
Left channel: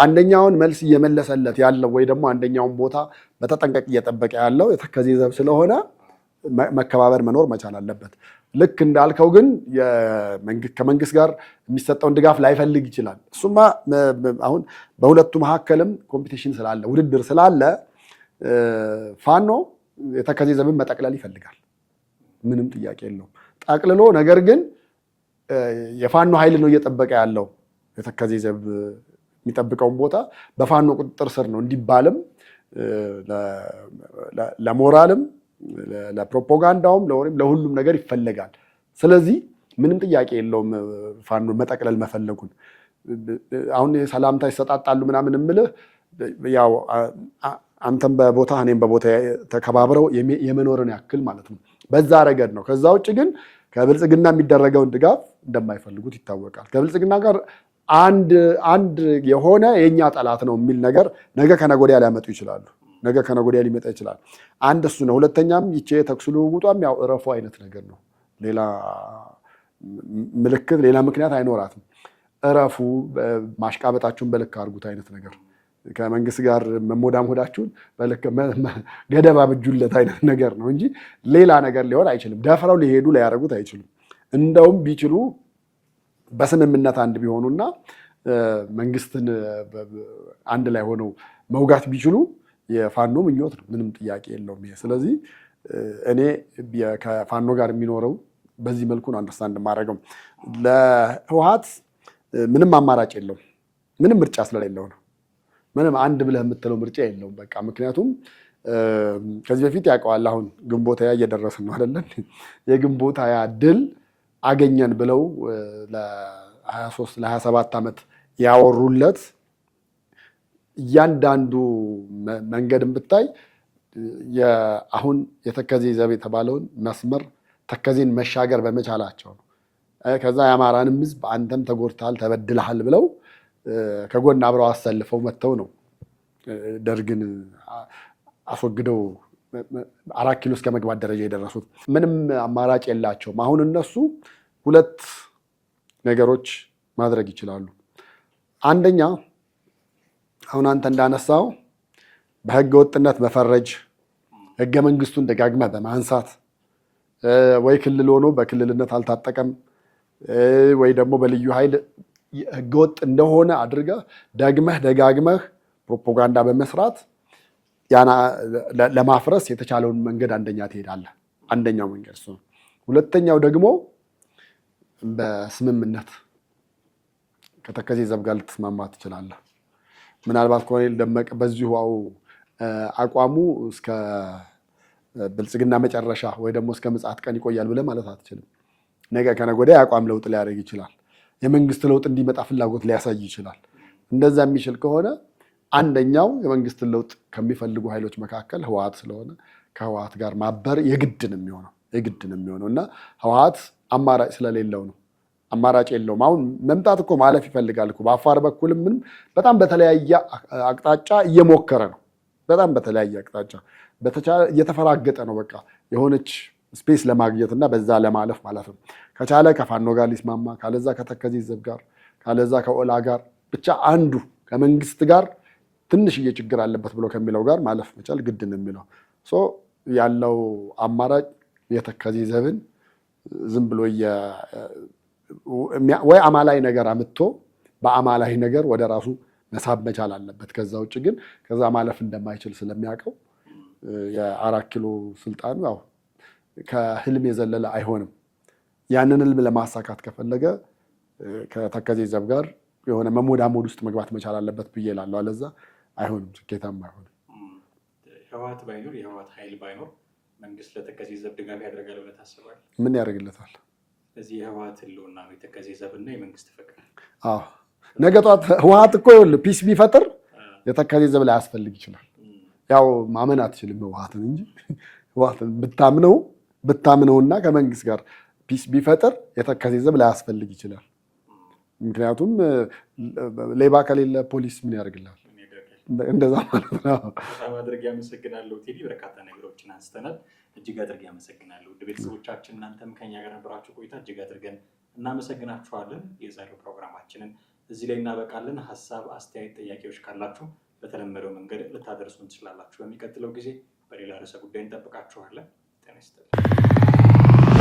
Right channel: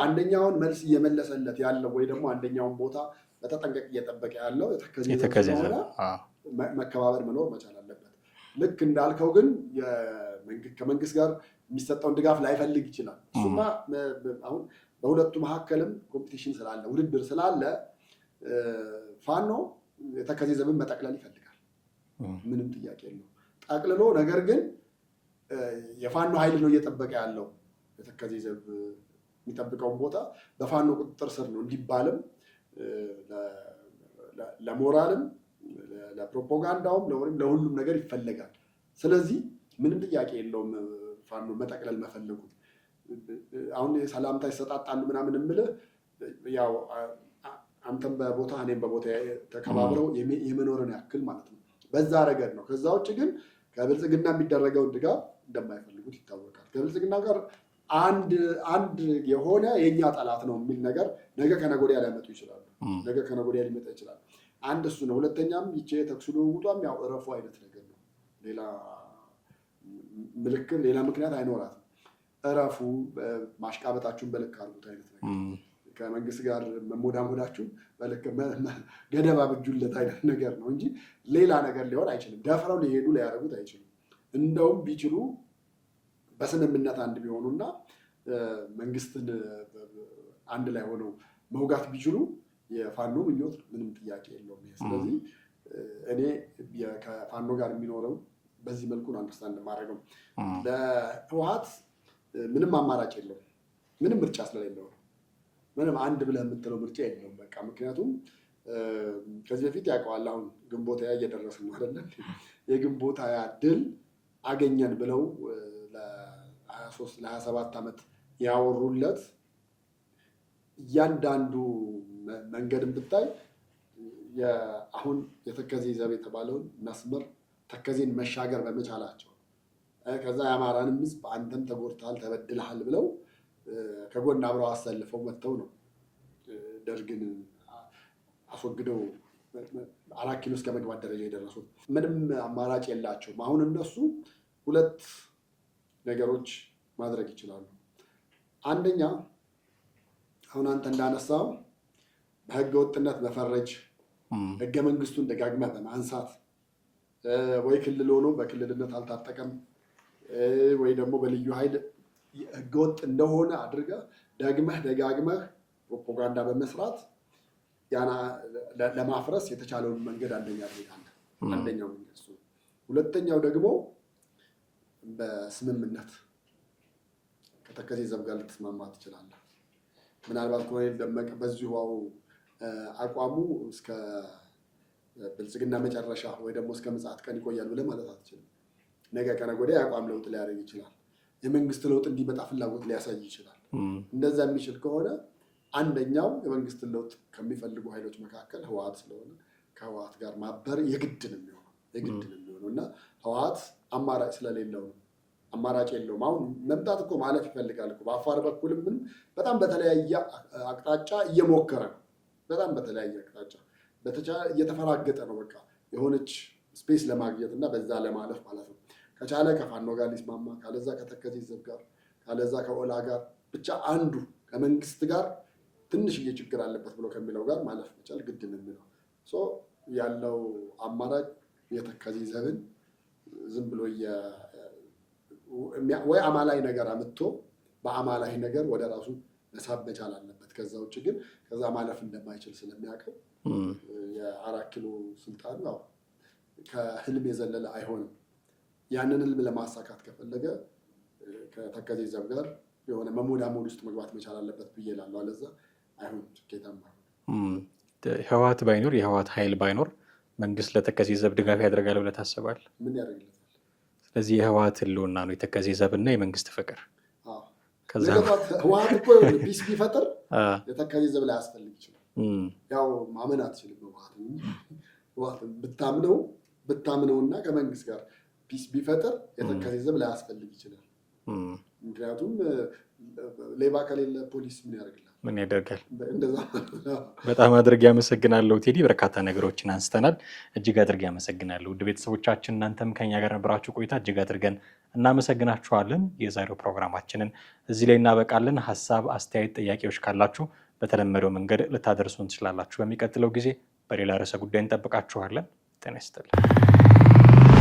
አንደኛውን መልስ እየመለሰለት ያለው ወይ ደግሞ አንደኛውን ቦታ በተጠንቀቅ እየጠበቀ ያለው የተከዜ ዘብ ስለሆነ መከባበር መኖር መቻል አለበት። ልክ እንዳልከው ግን ከመንግስት ጋር የሚሰጠውን ድጋፍ ላይፈልግ ይችላል። እሱማ አሁን በሁለቱ መካከልም ኮምፒቲሽን ስላለ ውድድር ስላለ ፋኖ የተከዜ ዘብን መጠቅለል ይፈልጋል። ምንም ጥያቄ የለውም ጠቅልሎ። ነገር ግን የፋኖ ኃይል ነው እየጠበቀ ያለው የተከዜ ዘብ የሚጠብቀውን ቦታ በፋኖ ቁጥጥር ስር ነው እንዲባልም ለሞራልም ለፕሮፓጋንዳውም ለሁሉም ነገር ይፈለጋል። ስለዚህ ምንም ጥያቄ የለውም ፋኖ መጠቅለል መፈለጉን። አሁን ሰላምታ ይሰጣጣሉ ምናምን የምልህ ያው አንተም በቦታ እኔም በቦታ ተከባብረው የመኖርን ያክል ማለት ነው። በዛ ረገድ ነው። ከዛ ውጭ ግን ከብልጽግና የሚደረገውን ድጋፍ እንደማይፈልጉት ይታወቃል። ከብልጽግና ጋር አንድ የሆነ የኛ ጠላት ነው የሚል ነገር ነገ ከነገ ወዲያ ሊያመጡ ይችላሉ። ነገ ከነገ ወዲያ ሊመጣ ይችላል። አንድ እሱ ነው። ሁለተኛም ይቼ የተኩስ ልውውጧም ያው እረፉ አይነት ነገር ነው። ሌላ ምልክት ሌላ ምክንያት አይኖራትም። እረፉ፣ ማሽቃበጣችሁን በልክ አድርጉት አይነት ነገር ከመንግስት ጋር መሞዳሞዳችሁን ገደብ አብጁለት አይነት ነገር ነው እንጂ ሌላ ነገር ሊሆን አይችልም። ደፍረው ሊሄዱ ሊያደርጉት አይችሉም። እንደውም ቢችሉ በስምምነት አንድ ቢሆኑና መንግስትን አንድ ላይ ሆነው መውጋት ቢችሉ የፋኖ ምኞት ነው። ምንም ጥያቄ የለውም ይሄ። ስለዚህ እኔ ከፋኖ ጋር የሚኖረው በዚህ መልኩ ነው አንደርስታንድ ማድረገው። ለህወሓት ምንም አማራጭ የለውም። ምንም ምርጫ ስለሌለው ነው። ምንም አንድ ብለህ የምትለው ምርጫ የለውም። በቃ ምክንያቱም ከዚህ በፊት ያውቀዋል። አሁን ግንቦት ሃያ እየደረስን ነው አይደለን? የግንቦት ሃያ ድል አገኘን ብለው ለ23 ለ27 ዓመት ያወሩለት እያንዳንዱ መንገድን ብታይ አሁን የተከዜ ዘብ የተባለውን መስመር ተከዜን መሻገር በመቻላቸው ነው። ከዛ የአማራንም ህዝብ አንተም ተጎድተሃል ተበድለሃል ብለው ከጎን አብረው አሰልፈው መጥተው ነው ደርግን አስወግደው 4 ኪሎ እስከ መግባት ደረጃ የደረሱት። ምንም አማራጭ የላቸውም። አሁን እነሱ 2 ነገሮች ማድረግ ይችላሉ። አንደኛ አሁን አንተ እንዳነሳው በህገ ወጥነት መፈረጅ፣ ህገ መንግስቱን ደጋግመህ በማንሳት ወይ ክልል ሆኖ በክልልነት አልታጠቀም ወይ ደግሞ በልዩ ኃይል ህገወጥ እንደሆነ አድርገህ ደጋግመህ ፕሮፓጋንዳ በመስራት ለማፍረስ የተቻለውን መንገድ አንደኛ ትሄዳለህ። አንደኛው መንገድ እሱ ነው። ሁለተኛው ደግሞ በስምምነት ከተከዜ ዘብ ጋር ልትስማማ ትችላለህ። ምናልባት ኮሎኔል ደመቀ በዚሁ አቋሙ እስከ ብልጽግና መጨረሻ ወይ ደግሞ እስከ ምጽአት ቀን ይቆያል ብለህ ማለት አትችልም። ነገ ከነገ ወዲያ የአቋም ለውጥ ሊያደርግ ይችላል። የመንግስት ለውጥ እንዲመጣ ፍላጎት ሊያሳይ ይችላል። እንደዛ የሚችል ከሆነ አንደኛው የመንግስትን ለውጥ ከሚፈልጉ ኃይሎች መካከል ህወሓት ስለሆነ ከህወሓት ጋር ማበር የግድ ነው የሚሆነው እና ህወሓት አማራጭ ስለሌለው ነው። አማራጭ የለውም። አሁን መምጣት እኮ ማለፍ ይፈልጋል እኮ በአፋር በኩልም ምንም በጣም በተለያየ አቅጣጫ እየሞከረ ነው። በጣም በተለያየ አቅጣጫ እየተፈራገጠ ነው። በቃ የሆነች ስፔስ ለማግኘት እና በዛ ለማለፍ ማለት ነው። ከቻለ ከፋኖ ጋር ሊስማማ፣ ካለዛ ከተከዜ ዘብ ጋር፣ ካለዛ ከኦላ ጋር ብቻ አንዱ ከመንግስት ጋር ትንሽዬ ችግር አለበት ብሎ ከሚለው ጋር ማለፍ መቻል ግድ ነው የሚለው ያለው አማራጭ የተከዜ ዘብን ዝም ብሎ ወይ አማላይ ነገር አምጥቶ በአማላይ ነገር ወደ ራሱ መሳብ መቻል አለበት። ከዛ ውጭ ግን ከዛ ማለፍ እንደማይችል ስለሚያውቀው የ4 ኪሎ ስልጣኑ ያው ከህልም የዘለለ አይሆንም። ያንን ህልም ለማሳካት ከፈለገ ከተከዜ ዘብ ጋር የሆነ መሞዳሞድ ውስጥ መግባት መቻል አለበት ብዬ እላለሁ። አለዛ አይሆንም፣ ስኬታማ አይሆንም። ህወሓት ባይኖር የህወሓት ኃይል ባይኖር መንግስት ለተከዜ ዘብ ድጋፍ ያደርጋል ብለህ ታስባለህ? ምን ያደርግለታል? ስለዚህ የህወሓት ህልውና ነው የተከዜ ዘብና የመንግስት ፍቅር። ነገ ጠዋት ህወሓት እኮ ይኸውልህ ፒስ ቢፈጥር የተከዜ ዘብ ላይ ያስፈልግ ይችላል። ያው ማመን አትችልም ህወሓትን እንጂ ህወሓትን ብታምነውና ከመንግስት ጋር ፒስ ቢፈጥር የተከዜ ዘብ ላይ ያስፈልግ ይችላል። ምክንያቱም ሌባ ከሌለ ፖሊስ ምን ያደርግልሃል? ምን ያደርጋል? እንደዛ ማለት ነው። በጣም አድርጌ አመሰግናለሁ ቴዲ። በርካታ ነገሮችን አንስተናል። እጅግ አድርጌ አመሰግናለሁ። ውድ ቤተሰቦቻችን እናንተም ከኛ ጋር ነበራችሁ ቆይታ እጅግ አድርገን እናመሰግናችኋለን። የዛሬው ፕሮግራማችንን እዚህ ላይ እናበቃለን። ሀሳብ፣ አስተያየት፣ ጥያቄዎች ካላችሁ በተለመደው መንገድ ልታደርሱን ትችላላችሁ። በሚቀጥለው ጊዜ በሌላ ርዕሰ ጉዳይ እንጠብቃችኋለን። ጤና ይስጥልን።